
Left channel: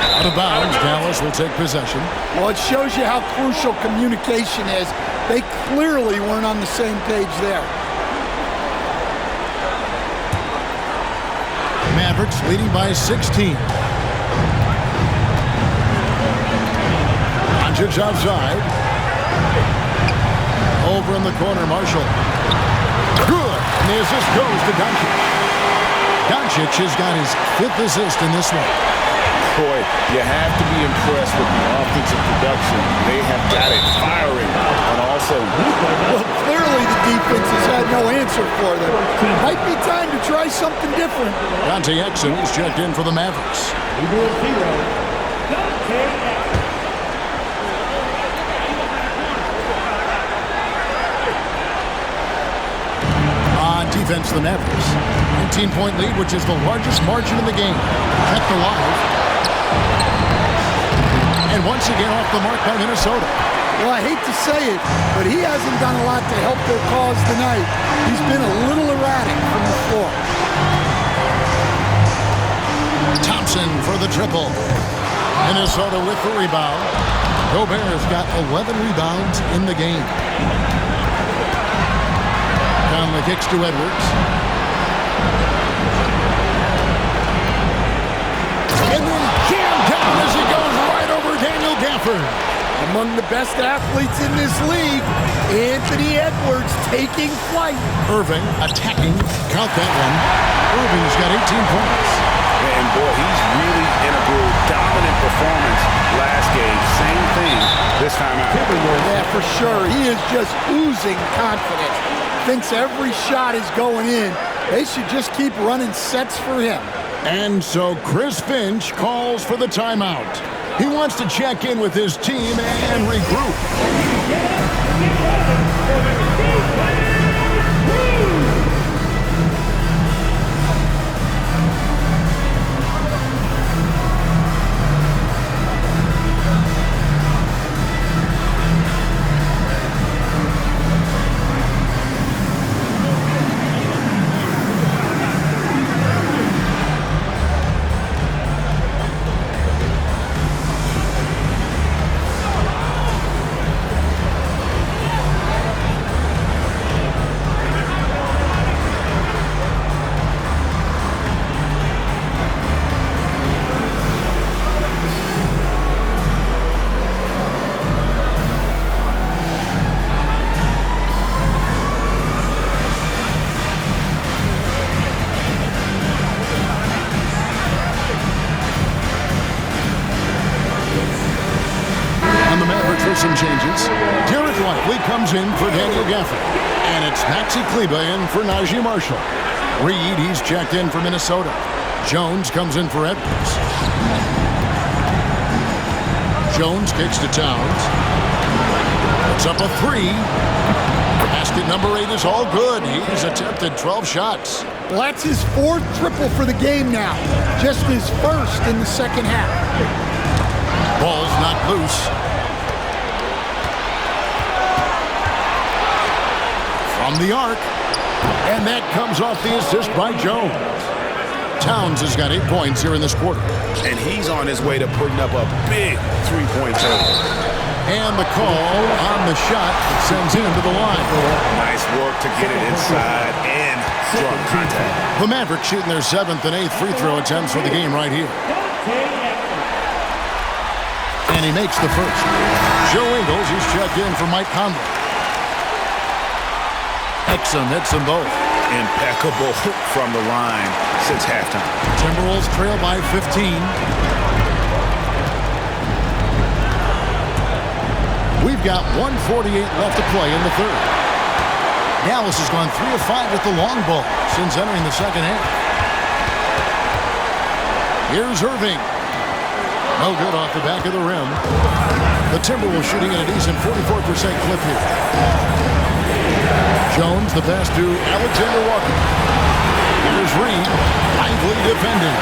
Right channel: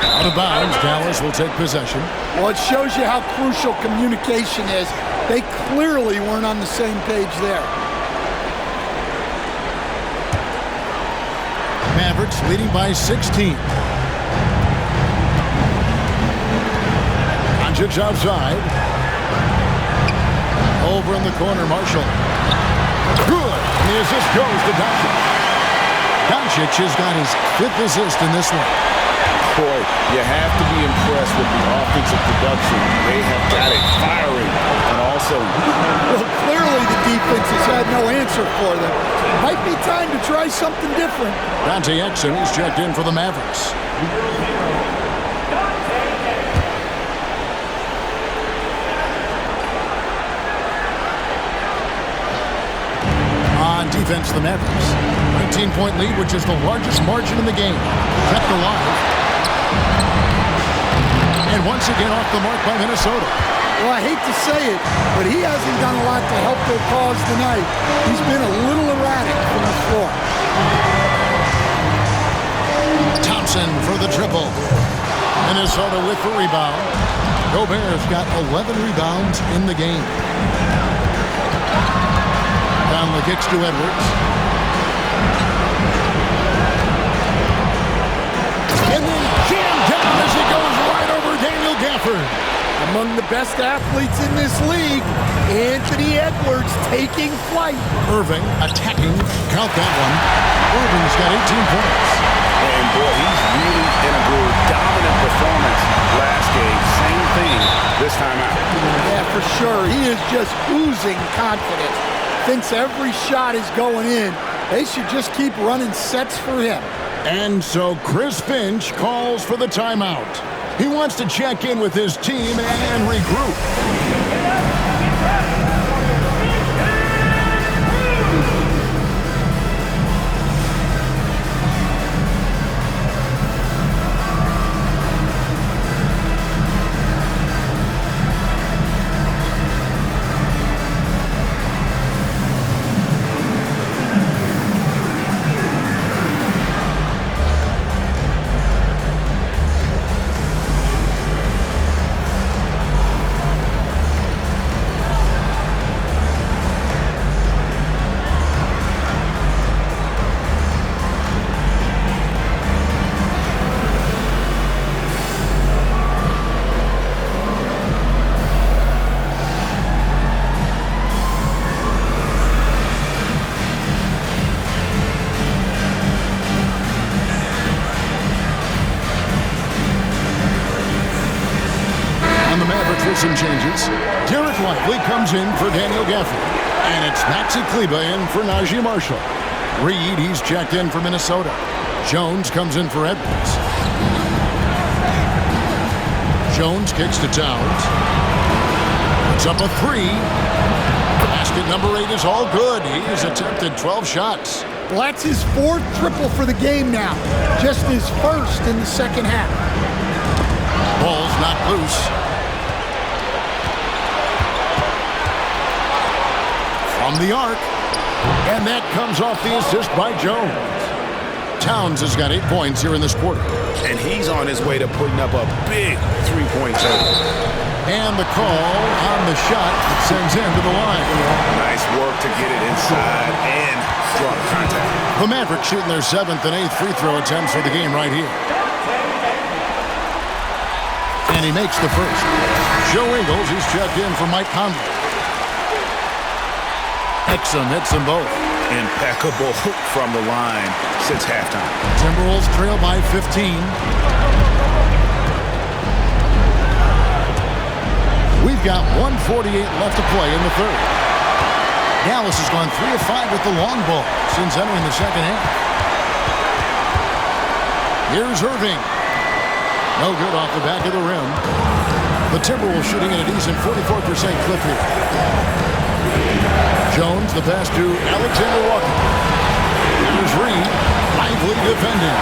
Out of bounds, Dallas will take possession. Well, it shows you how crucial communication is. They clearly weren't on the same page there. Mavericks leading by 16. Doncic outside. Over in the corner, Marshall. Good. And the assist goes to Doncic. Doncic has got his 5th assist in this one. Boy, you have to be impressed with the offensive production. They have got it firing on all cylinders. Well, clearly the defense has had no answer for them. Might be time to try something different. Dante Exum, he's checked in for the Mavericks. On defense, the Mavericks. 19-point lead, which is the largest margin in the game. Kept alive. And once again off the mark by Minnesota. Well, I hate to say it, but he hasn't done a lot to help their cause tonight. He's been a little erratic from the floor. Thompson for the triple. Minnesota with the rebound. Gobert's got 11 rebounds in the game. Conley kicks to Edwards. And then jammed down as he goes right over Daniel Gafford. Among the best athletes in this league, Anthony Edwards taking flight. Irving attacking. Count that one. Irving's got 18 points. And boy, he's really in a groove. Dominant performance last game. Same thing this time out. Yeah, for sure. He is just oozing confidence. Thinks every shot is going in. They should just keep running sets for him. And so Chris Finch calls for the timeout. He wants to check in with his team and regroup. Some changes. Derek Lively comes in for Daniel Gafford. And it's Maxi Kleba in for Najee Marshall. Reed, he's checked in for Minnesota. Jones comes in for Edwards. Jones kicks to Towns. Puts up a three. Basket number 8 is all good. He's attempted 12 shots. Well, that's his 4th triple for the game now. Just his 1st in the second half. Ball's knocked loose. From the arc. And that comes off the assist by Jones. Towns has got 8 points here in this quarter. And he's on his way to putting up a big three-point total. And the call on the shot that sends him to the line. Nice work to get it inside and draw the contact. The Mavericks shooting their 7th and 8th free throw attempts for the game right here. And he makes the first. Joe Ingles, he's checked in for Mike Conley. Exum hits them both. Impeccable from the line since halftime. Timberwolves trail by 15. We've got 1:48 left to play in the third. Dallas has gone 3 of 5 with the long ball since entering the second half. Here's Irving. No good off the back of the rim. The Timberwolves shooting at a decent 44% clip here. Jones, the pass to Alexander Walker. Here's Reed, lively defending.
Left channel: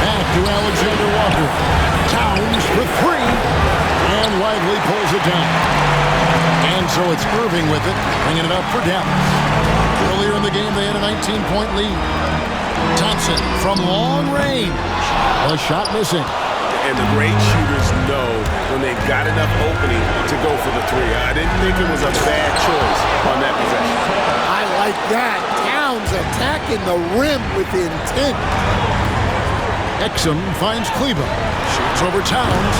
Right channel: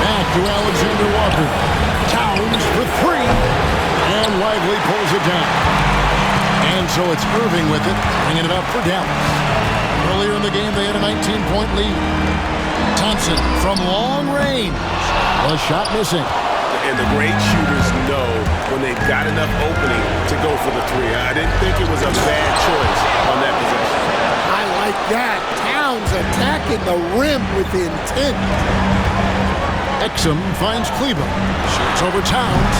Back to Alexander Walker. Towns for 3. And Lively pulls it down. And so it's Irving with it, bringing it up for Dallas. Earlier in the game, they had a 19-point lead. Thompson from long range. A shot missing. And the great shooters know when they've got enough opening to go for the 3. I didn't think it was a bad choice on that possession. I like that. Towns attacking the rim with intent. Exum finds Kleba. Shoots over Towns.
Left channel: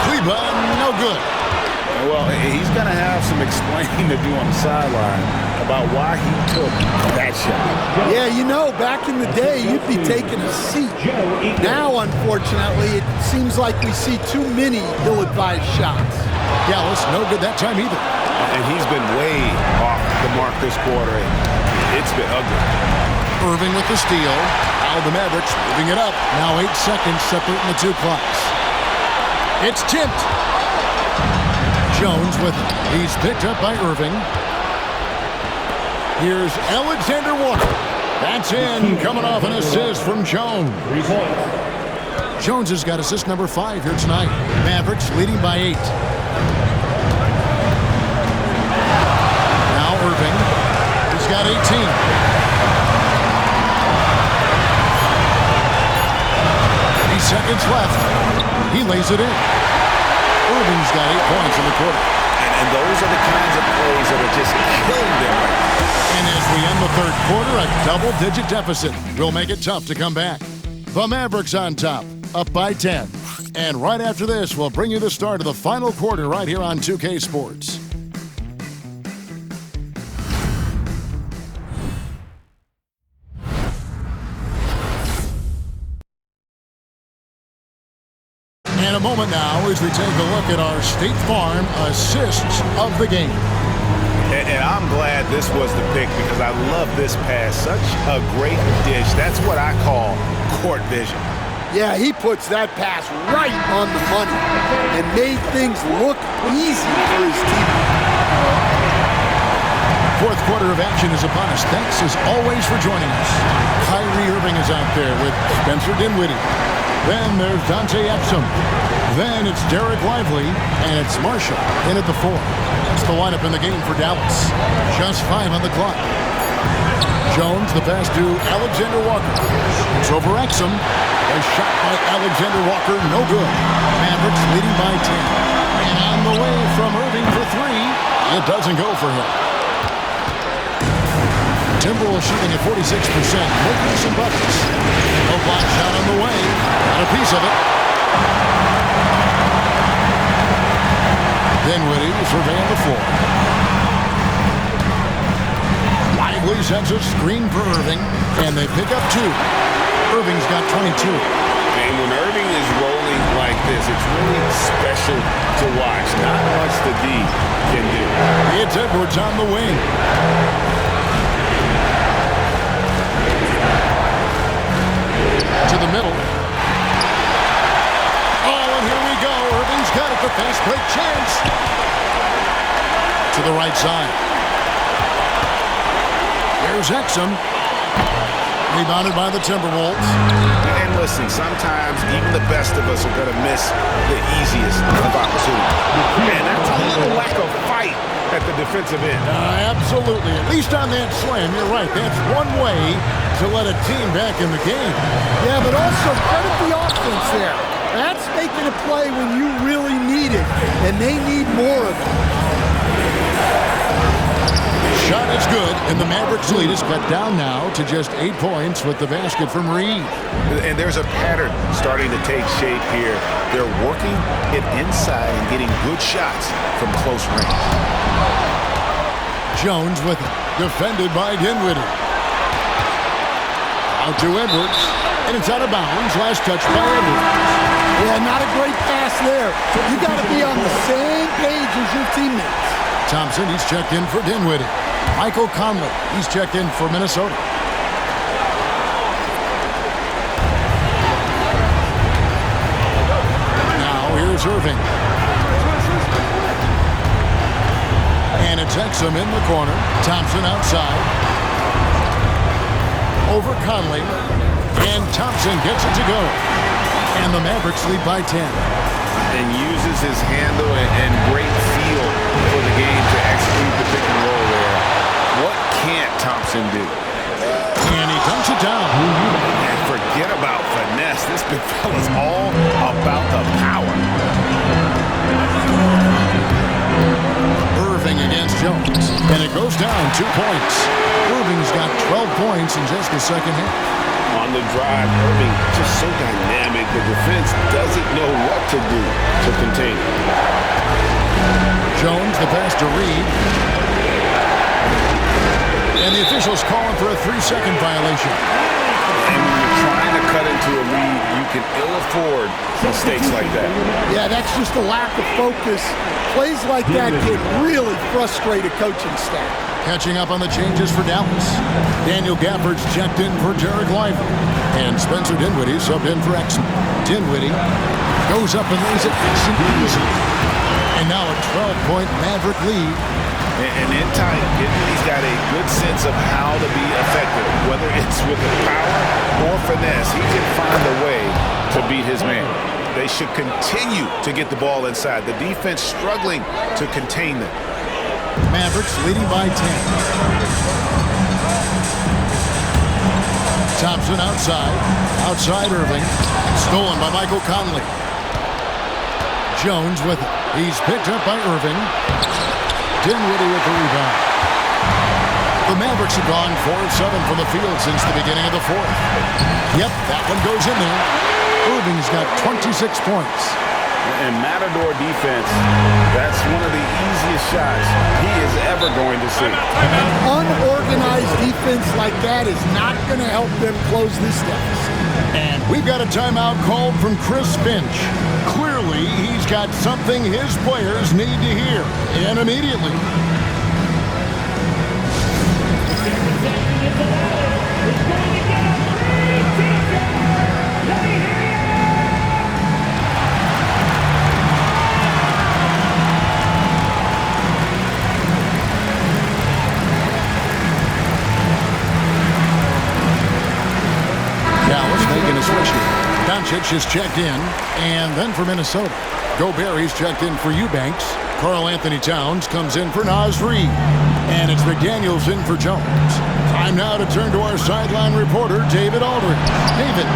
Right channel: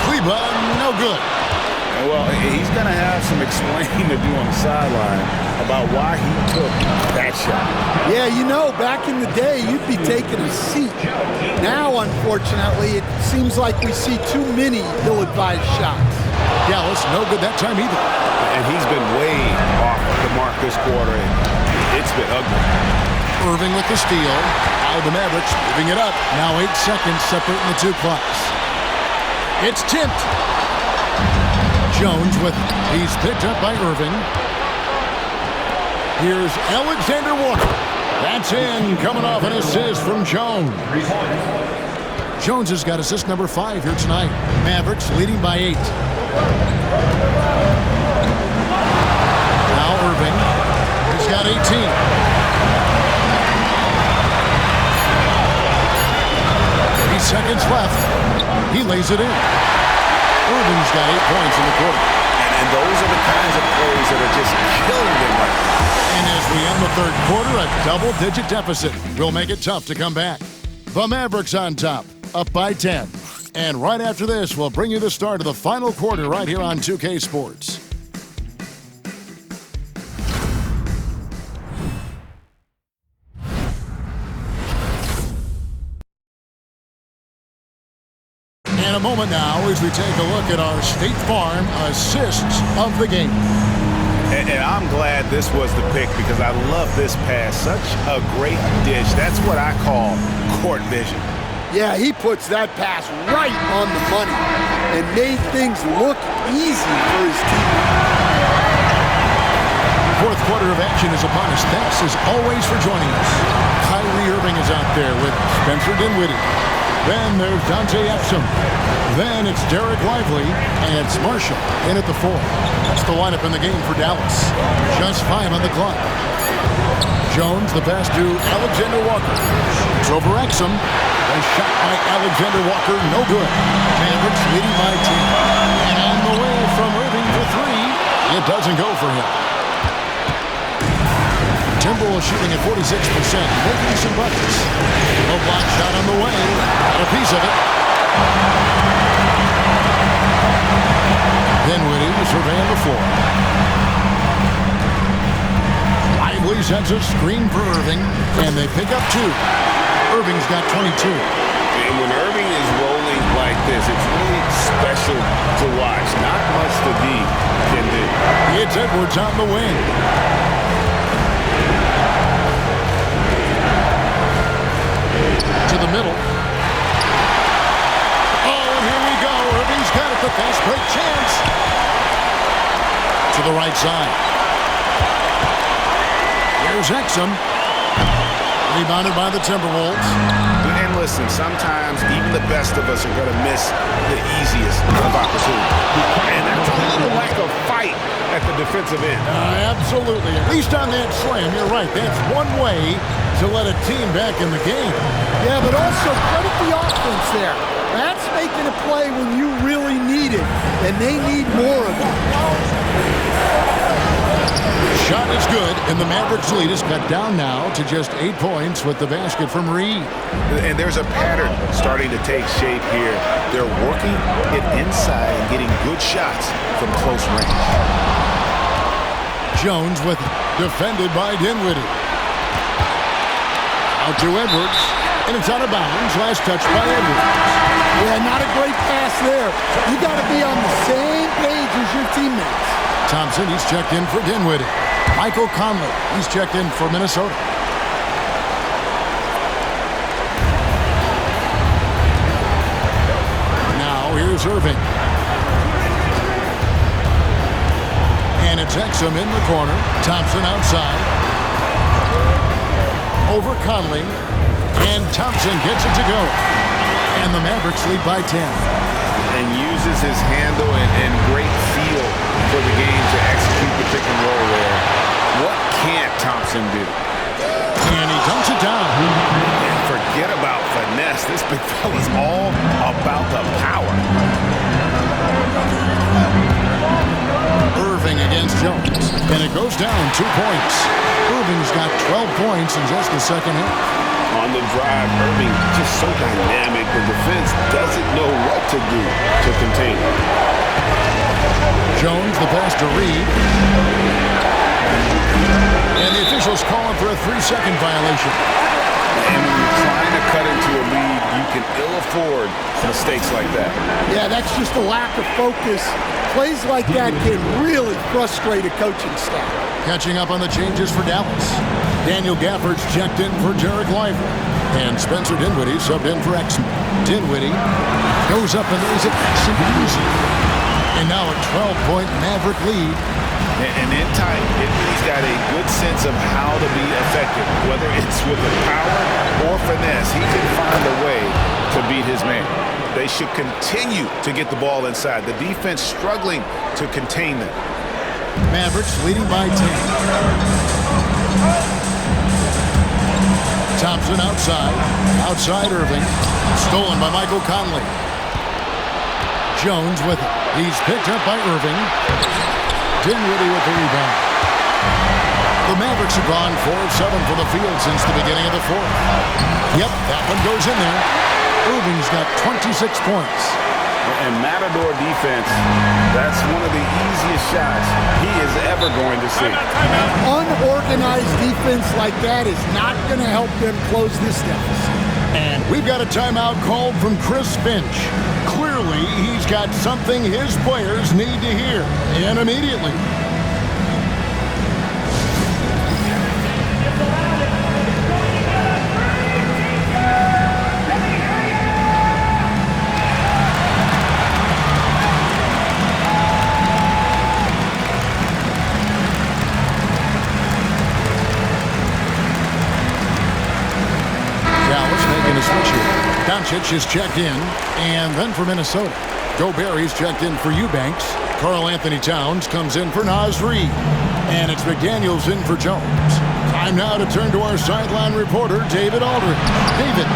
Kleba, no good. Well, he's going to have some explaining to do on the sideline about why he took that shot. Yeah, you know, back in the day, you'd be taking a seat. Now, unfortunately, it seems like we see too many ill-advised shots. Dallas, no good that time either. And he's been way off the mark this quarter, and it's been ugly. Irving with the steal. Now the Mavericks moving it up. Now 8 seconds separating the 2 clocks. It's tipped. Jones with it. He's picked up by Irving. Here's Alexander Walker. That's in, coming off an assist from Jones. Jones has got assist number 5 here tonight. Mavericks leading by 8. Now Irving. He's got 18. 30 seconds left. He lays it in. Irving's got 8 points in the quarter. And those are the kinds of plays that are just killing them right now. And as we end the third quarter, a double-digit deficit will make it tough to come back. The Mavericks on top, up by 10. And right after this, we'll bring you the start of the final quarter right here on 2K Sports. And a moment now as we take a look at our State Farm assists of the game. And I'm glad this was the pick because I love this pass. Such a great dish. That's what I call court vision. Yeah, he puts that pass right on the money and made things look easy for his team. Fourth quarter of action is upon us. Thanks as always for joining us. Kyrie Irving is out there with Spencer Dinwiddie. Then there's Dante Exum. Then it's Derek Lively, and it's Marshall in at the 4. That's the lineup in the game for Dallas. Just 5 on the clock. Jones, the pass to Alexander Walker. It's over Exum. A shot by Alexander Walker, no good. Mavericks leading by 10. And on the way from Irving for 3. It doesn't go for him. Timberwolves shooting at 46%, making some buckets. No block shot on the way. Got a piece of it. Dinwiddie surveying the floor. Lively sends a screen for Irving, and they pick up 2. Irving's got 22. And when Irving is rolling like this, it's really special to watch. Not much the D can do. It's Edwards on the wing. To the middle. Oh, and here we go. Irving's got it. The fast break chance. to the right side. Here's Exum. Rebounded by the Timberwolves. And listen, sometimes even the best of us are going to miss the easiest of opportunities. And that's a little lack of fight at the defensive end. Absolutely. At least on that slam, you're right. That's one way to let a team back in the game. Yeah, but also credit the offense there. That's making a play when you really need it, and they need more of it. Shot is good, and the Mavericks lead is cut down now to just 8 points with the basket from Reed. And there's a pattern starting to take shape here. They're working it inside and getting good shots from close range. Jones with it, defended by Dinwiddie. Out to Edwards, and it's out of bounds. Last touch by Edwards. Yeah, not a great pass there. You got to be on the same page as your teammates. Thompson, he's checked in for Dinwiddie. Michael Conley, he's checked in for Minnesota. Now here's Irving. And it's Exum in the corner. Thompson outside. Over Conley. And Thompson gets it to go. And the Mavericks lead by 10. And uses his handle and great feel for the game to execute the pick and roll there. What can't Thompson do? And he dunks it down. And forget about finesse. This big fella's all about the power. Irving against Jones. And it goes down 2 points. Irving's got 12 points in just the second half. On the drive, Irving just so dynamic. The defense doesn't know what to do to contain him. Jones, the pass to Reed. And the officials calling for a 3-second violation. And when you're trying to cut into a lead, you can ill afford mistakes like that. Yeah, that's just a lack of focus. Plays like that can really frustrate a coaching staff. Catching up on the changes for Dallas. Daniel Gafford's checked in for Derek Lively. And Spencer Dinwiddie subbed in for Exum. Dinwiddie goes up and lays it nice and easy. And now a 12-point Maverick lead. And in time, Dinwiddie's got a good sense of how to be effective. Whether it's with the power or finesse, he can find a way to beat his man. They should continue to get the ball inside. The defense struggling to contain them. Mavericks leading by 10. Thompson outside. Outside Irving. Stolen by Michael Conley. Jones with it. He's picked up by Irving. Dinwiddie with the rebound. The Mavericks have gone 4 of 7 from the field since the beginning of the fourth. Yep, that one goes in there. Irving's got 26 points. And Matador defense, that's one of the easiest shots he is ever going to see. Unorganized defense like that is not going to help them close this deficit. And we've got a timeout called from Chris Finch. Clearly, he's got something his players need to hear, and immediately. Dallas making a switch here. Doncic is checked in, and then for Minnesota. Gobert's checked in for Eubanks. Karl Anthony Towns comes in for Naz Reid. And it's McDaniels in for Jones. Time now to turn to our sideline reporter, David Aldridge. David.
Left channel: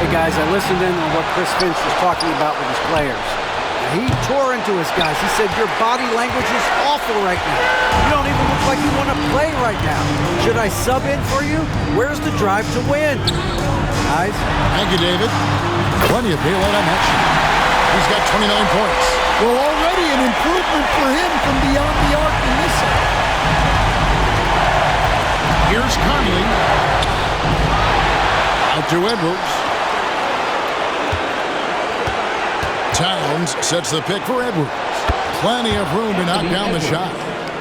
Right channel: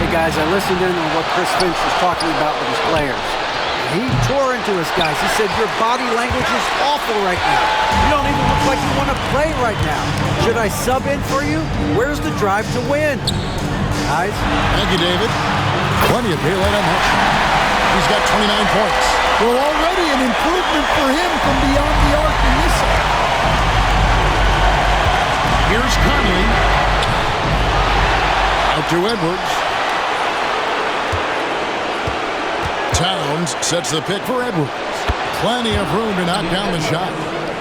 Hey, guys, I listened in on what Chris Finch was talking about with his players. He tore into his guys. He said, your body language is awful right now. You don't even look like you want to play right now. Should I sub in for you? Where's the drive to win? Guys? Thank you, David. Plenty of daylight on that shot. He's got 29 points. Well, already an improvement for him from beyond the arc in this half. Here's Conley. Out to Edwards. Towns sets the pick for Edwards. Plenty of room to knock down the shot.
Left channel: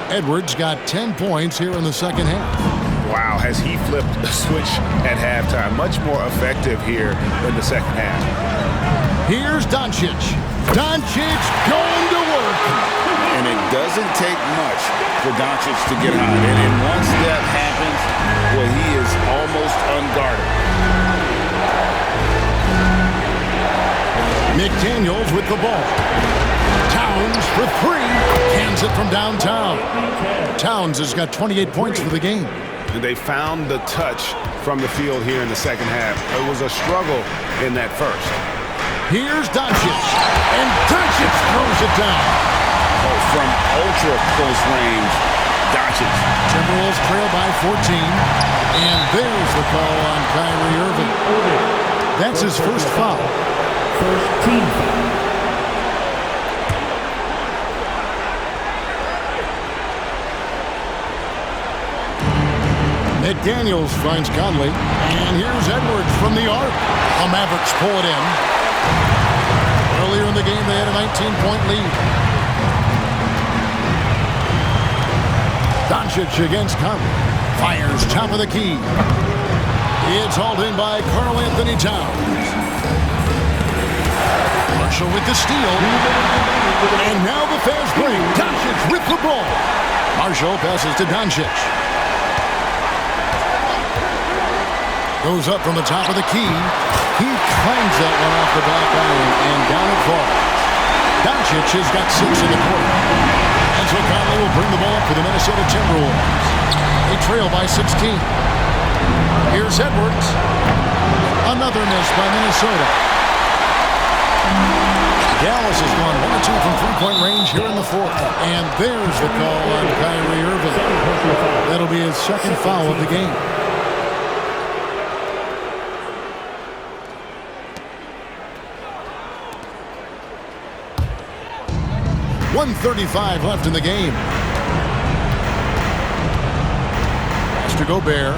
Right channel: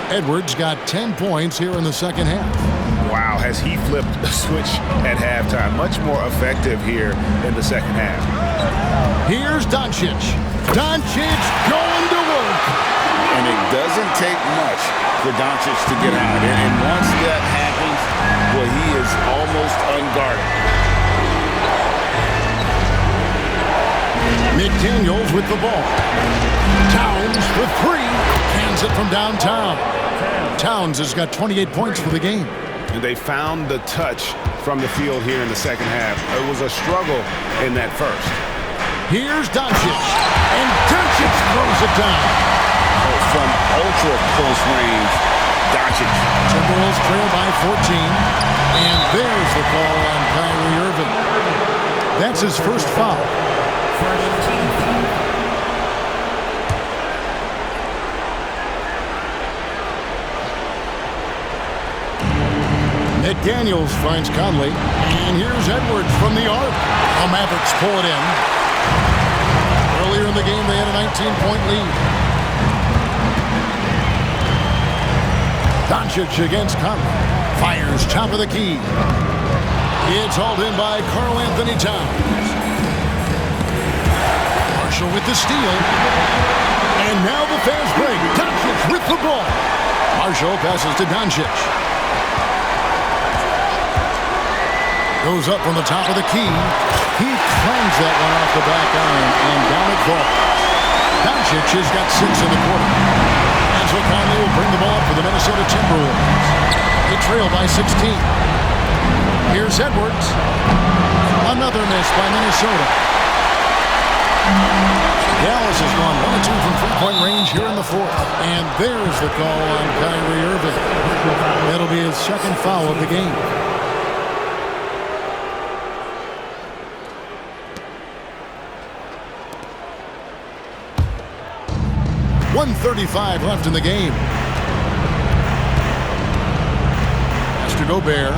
Edwards got 10 points here in the second half. Wow, has he flipped a switch at halftime. Much more effective here in the second half. Here's Doncic. Doncic going to work. And it doesn't take much for Doncic to get hot. And once that happens, well, he is almost unguarded. McDaniels with the ball. Towns for three. Cans it from downtown. Towns has got 28 points for the game. And they found the touch from the field here in the second half. It was a struggle in that first. Here's Doncic. And Doncic throws it down. Oh, from ultra close range, Doncic. Timberwolves trail by 14. And there's the call on Kyrie Irving. That's his first foul. First team foul. McDaniels finds Conley. And here's Edwards from the arc. The Mavericks pull it in. Earlier in the game, they had a 19-point lead. Doncic against Conley. Fires top of the key. It's hauled in by Karl Anthony Towns. Marshall with the steal. And now the fast break. Doncic with the ball. Marshall passes to Doncic. Goes up from the top of the key. He clangs that one off the back iron, and down it falls. Doncic has got 6 in the quarter. And so Conley will bring the ball up for the Minnesota Timberwolves. They trail by 16. Here's Edwards. Another miss by Minnesota. Dallas has gone 1 of 2 from three-point range here in the fourth. And there's the call on Kyrie Irving. That'll be his second foul of the game. 1:35 left in the game. Pass to Gobert.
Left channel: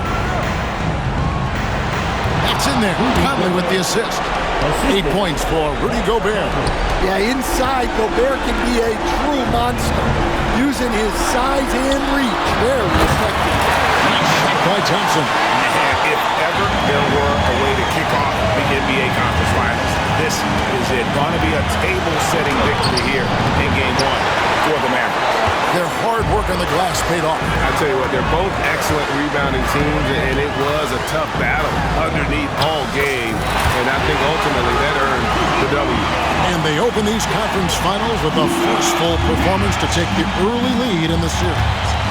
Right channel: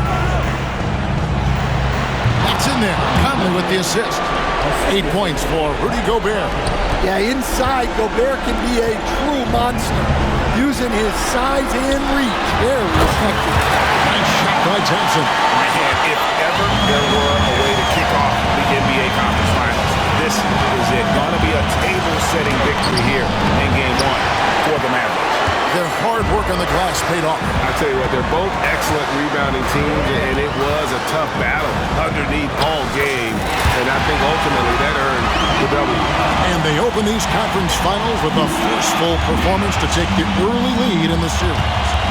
That's in there. Conley with the assist. 8 points for Rudy Gobert. Yeah, inside, Gobert can be a true monster, using his size and reach. Very effective. Nice shot by Thompson. And if ever there were a way to kick off the NBA Conference Finals, this is it. Going to be a table-setting victory here in Game 1 for the Mavericks. Their hard work on the glass paid off. I tell you what, they're both excellent rebounding teams, and it was a tough battle underneath all game. And I think ultimately that earned the W. And they open these conference finals with a forceful performance to take the early lead in the series.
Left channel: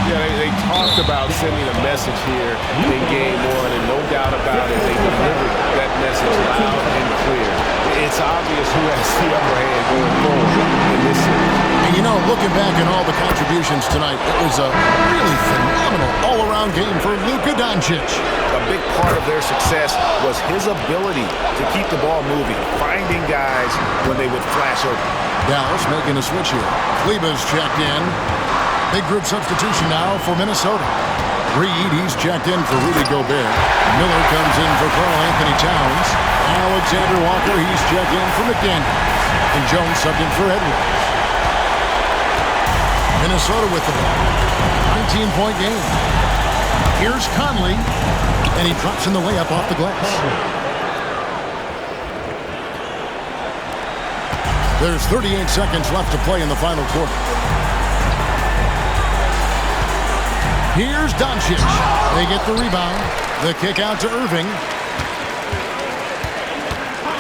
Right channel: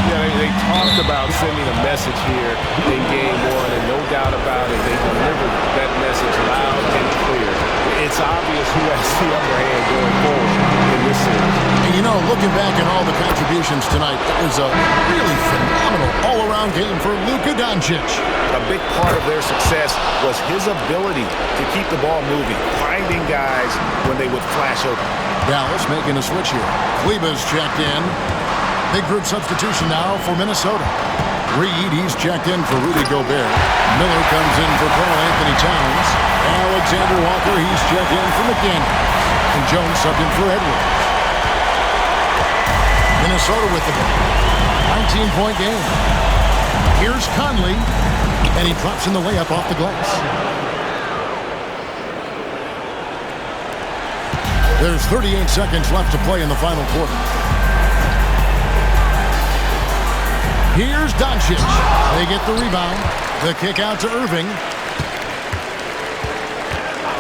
Yeah, they talked about sending a message here in Game 1, and no doubt about it, they delivered that message loud and clear. It's obvious who has the upper hand going forward in this series. And you know, looking back at all the contributions tonight, it was a really phenomenal all-around game for Luka Doncic. A big part of their success was his ability to keep the ball moving, finding guys when they would flash open. Dallas making a switch here. Kleber's checked in. Big group substitution now for Minnesota. Reed, he's checked in for Rudy Gobert. Miller comes in for Karl Anthony Towns. Alexander Walker, he's checked in for McDaniels. And Jones subbed in for Edwards. Minnesota with the ball. 19-point game. Here's Conley. And he drops in the layup off the glass. There's 38 seconds left to play in the final quarter. Here's Doncic. They get the rebound. The kick out to Irving.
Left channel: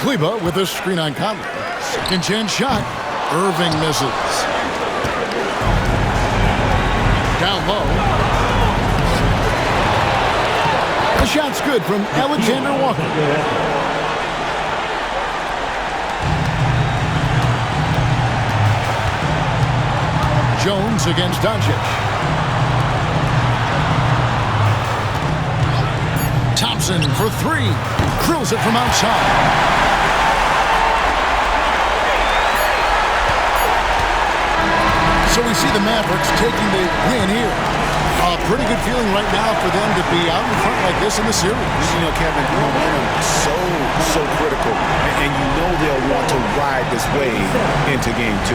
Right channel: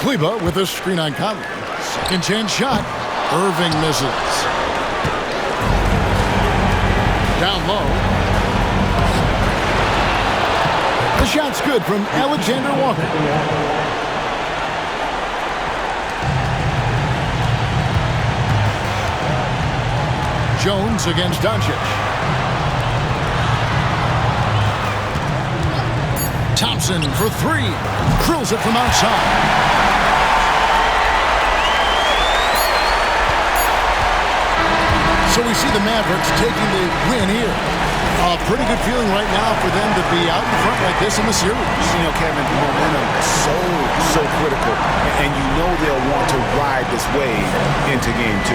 Kleber with a screen on Conley. Second chance shot. Irving misses. Down low. The shot's good from Alexander Walker. Jones against Doncic. Thompson for three. Drills it from outside. So we see the Mavericks taking the win here. A pretty good feeling right now for them to be out in front like this in the series. You know, Kevin, momentum so critical. And you know they'll want to ride this wave into Game 2.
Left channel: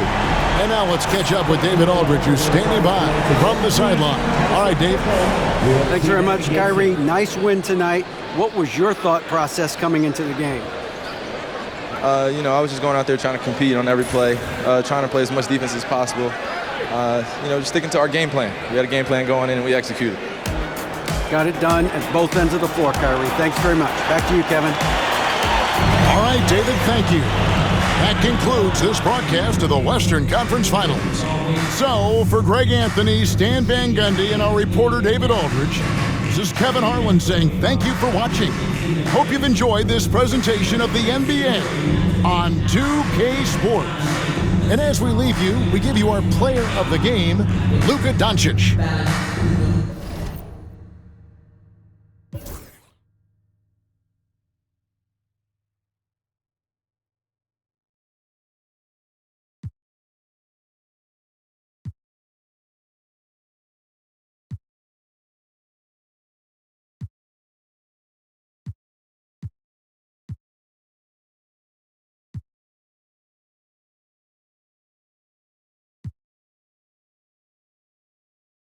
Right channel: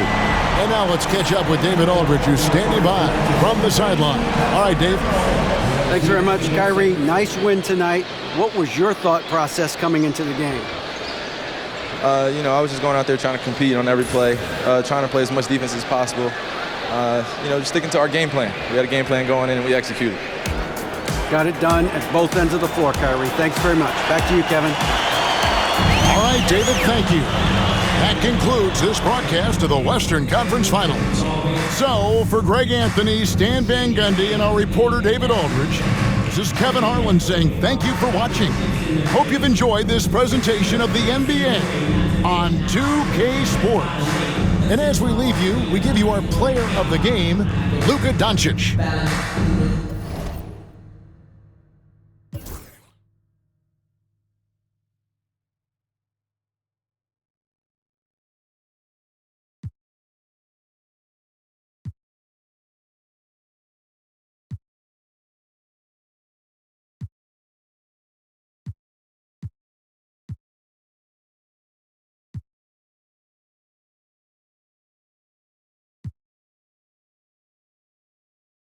And now let's catch up with David Aldridge, who's standing by from the sideline. All right, Dave. Thanks very much, Kyrie. Nice win tonight. What was your thought process coming into the game? I was just going out there trying to compete on every play, trying to play as much defense as possible. Just sticking to our game plan. We had a game plan going in, and we executed. Got it done at both ends of the floor, Kyrie. Thanks very much. Back to you, Kevin. All right, David, thank you. That concludes this broadcast of the Western Conference Finals. So, for Greg Anthony, Stan Van Gundy, and our reporter David Aldridge, this is Kevin Harlan saying thank you for watching. Hope you've enjoyed this presentation of the NBA on 2K Sports. And as we leave you, we give you our player of the game, Luka Doncic.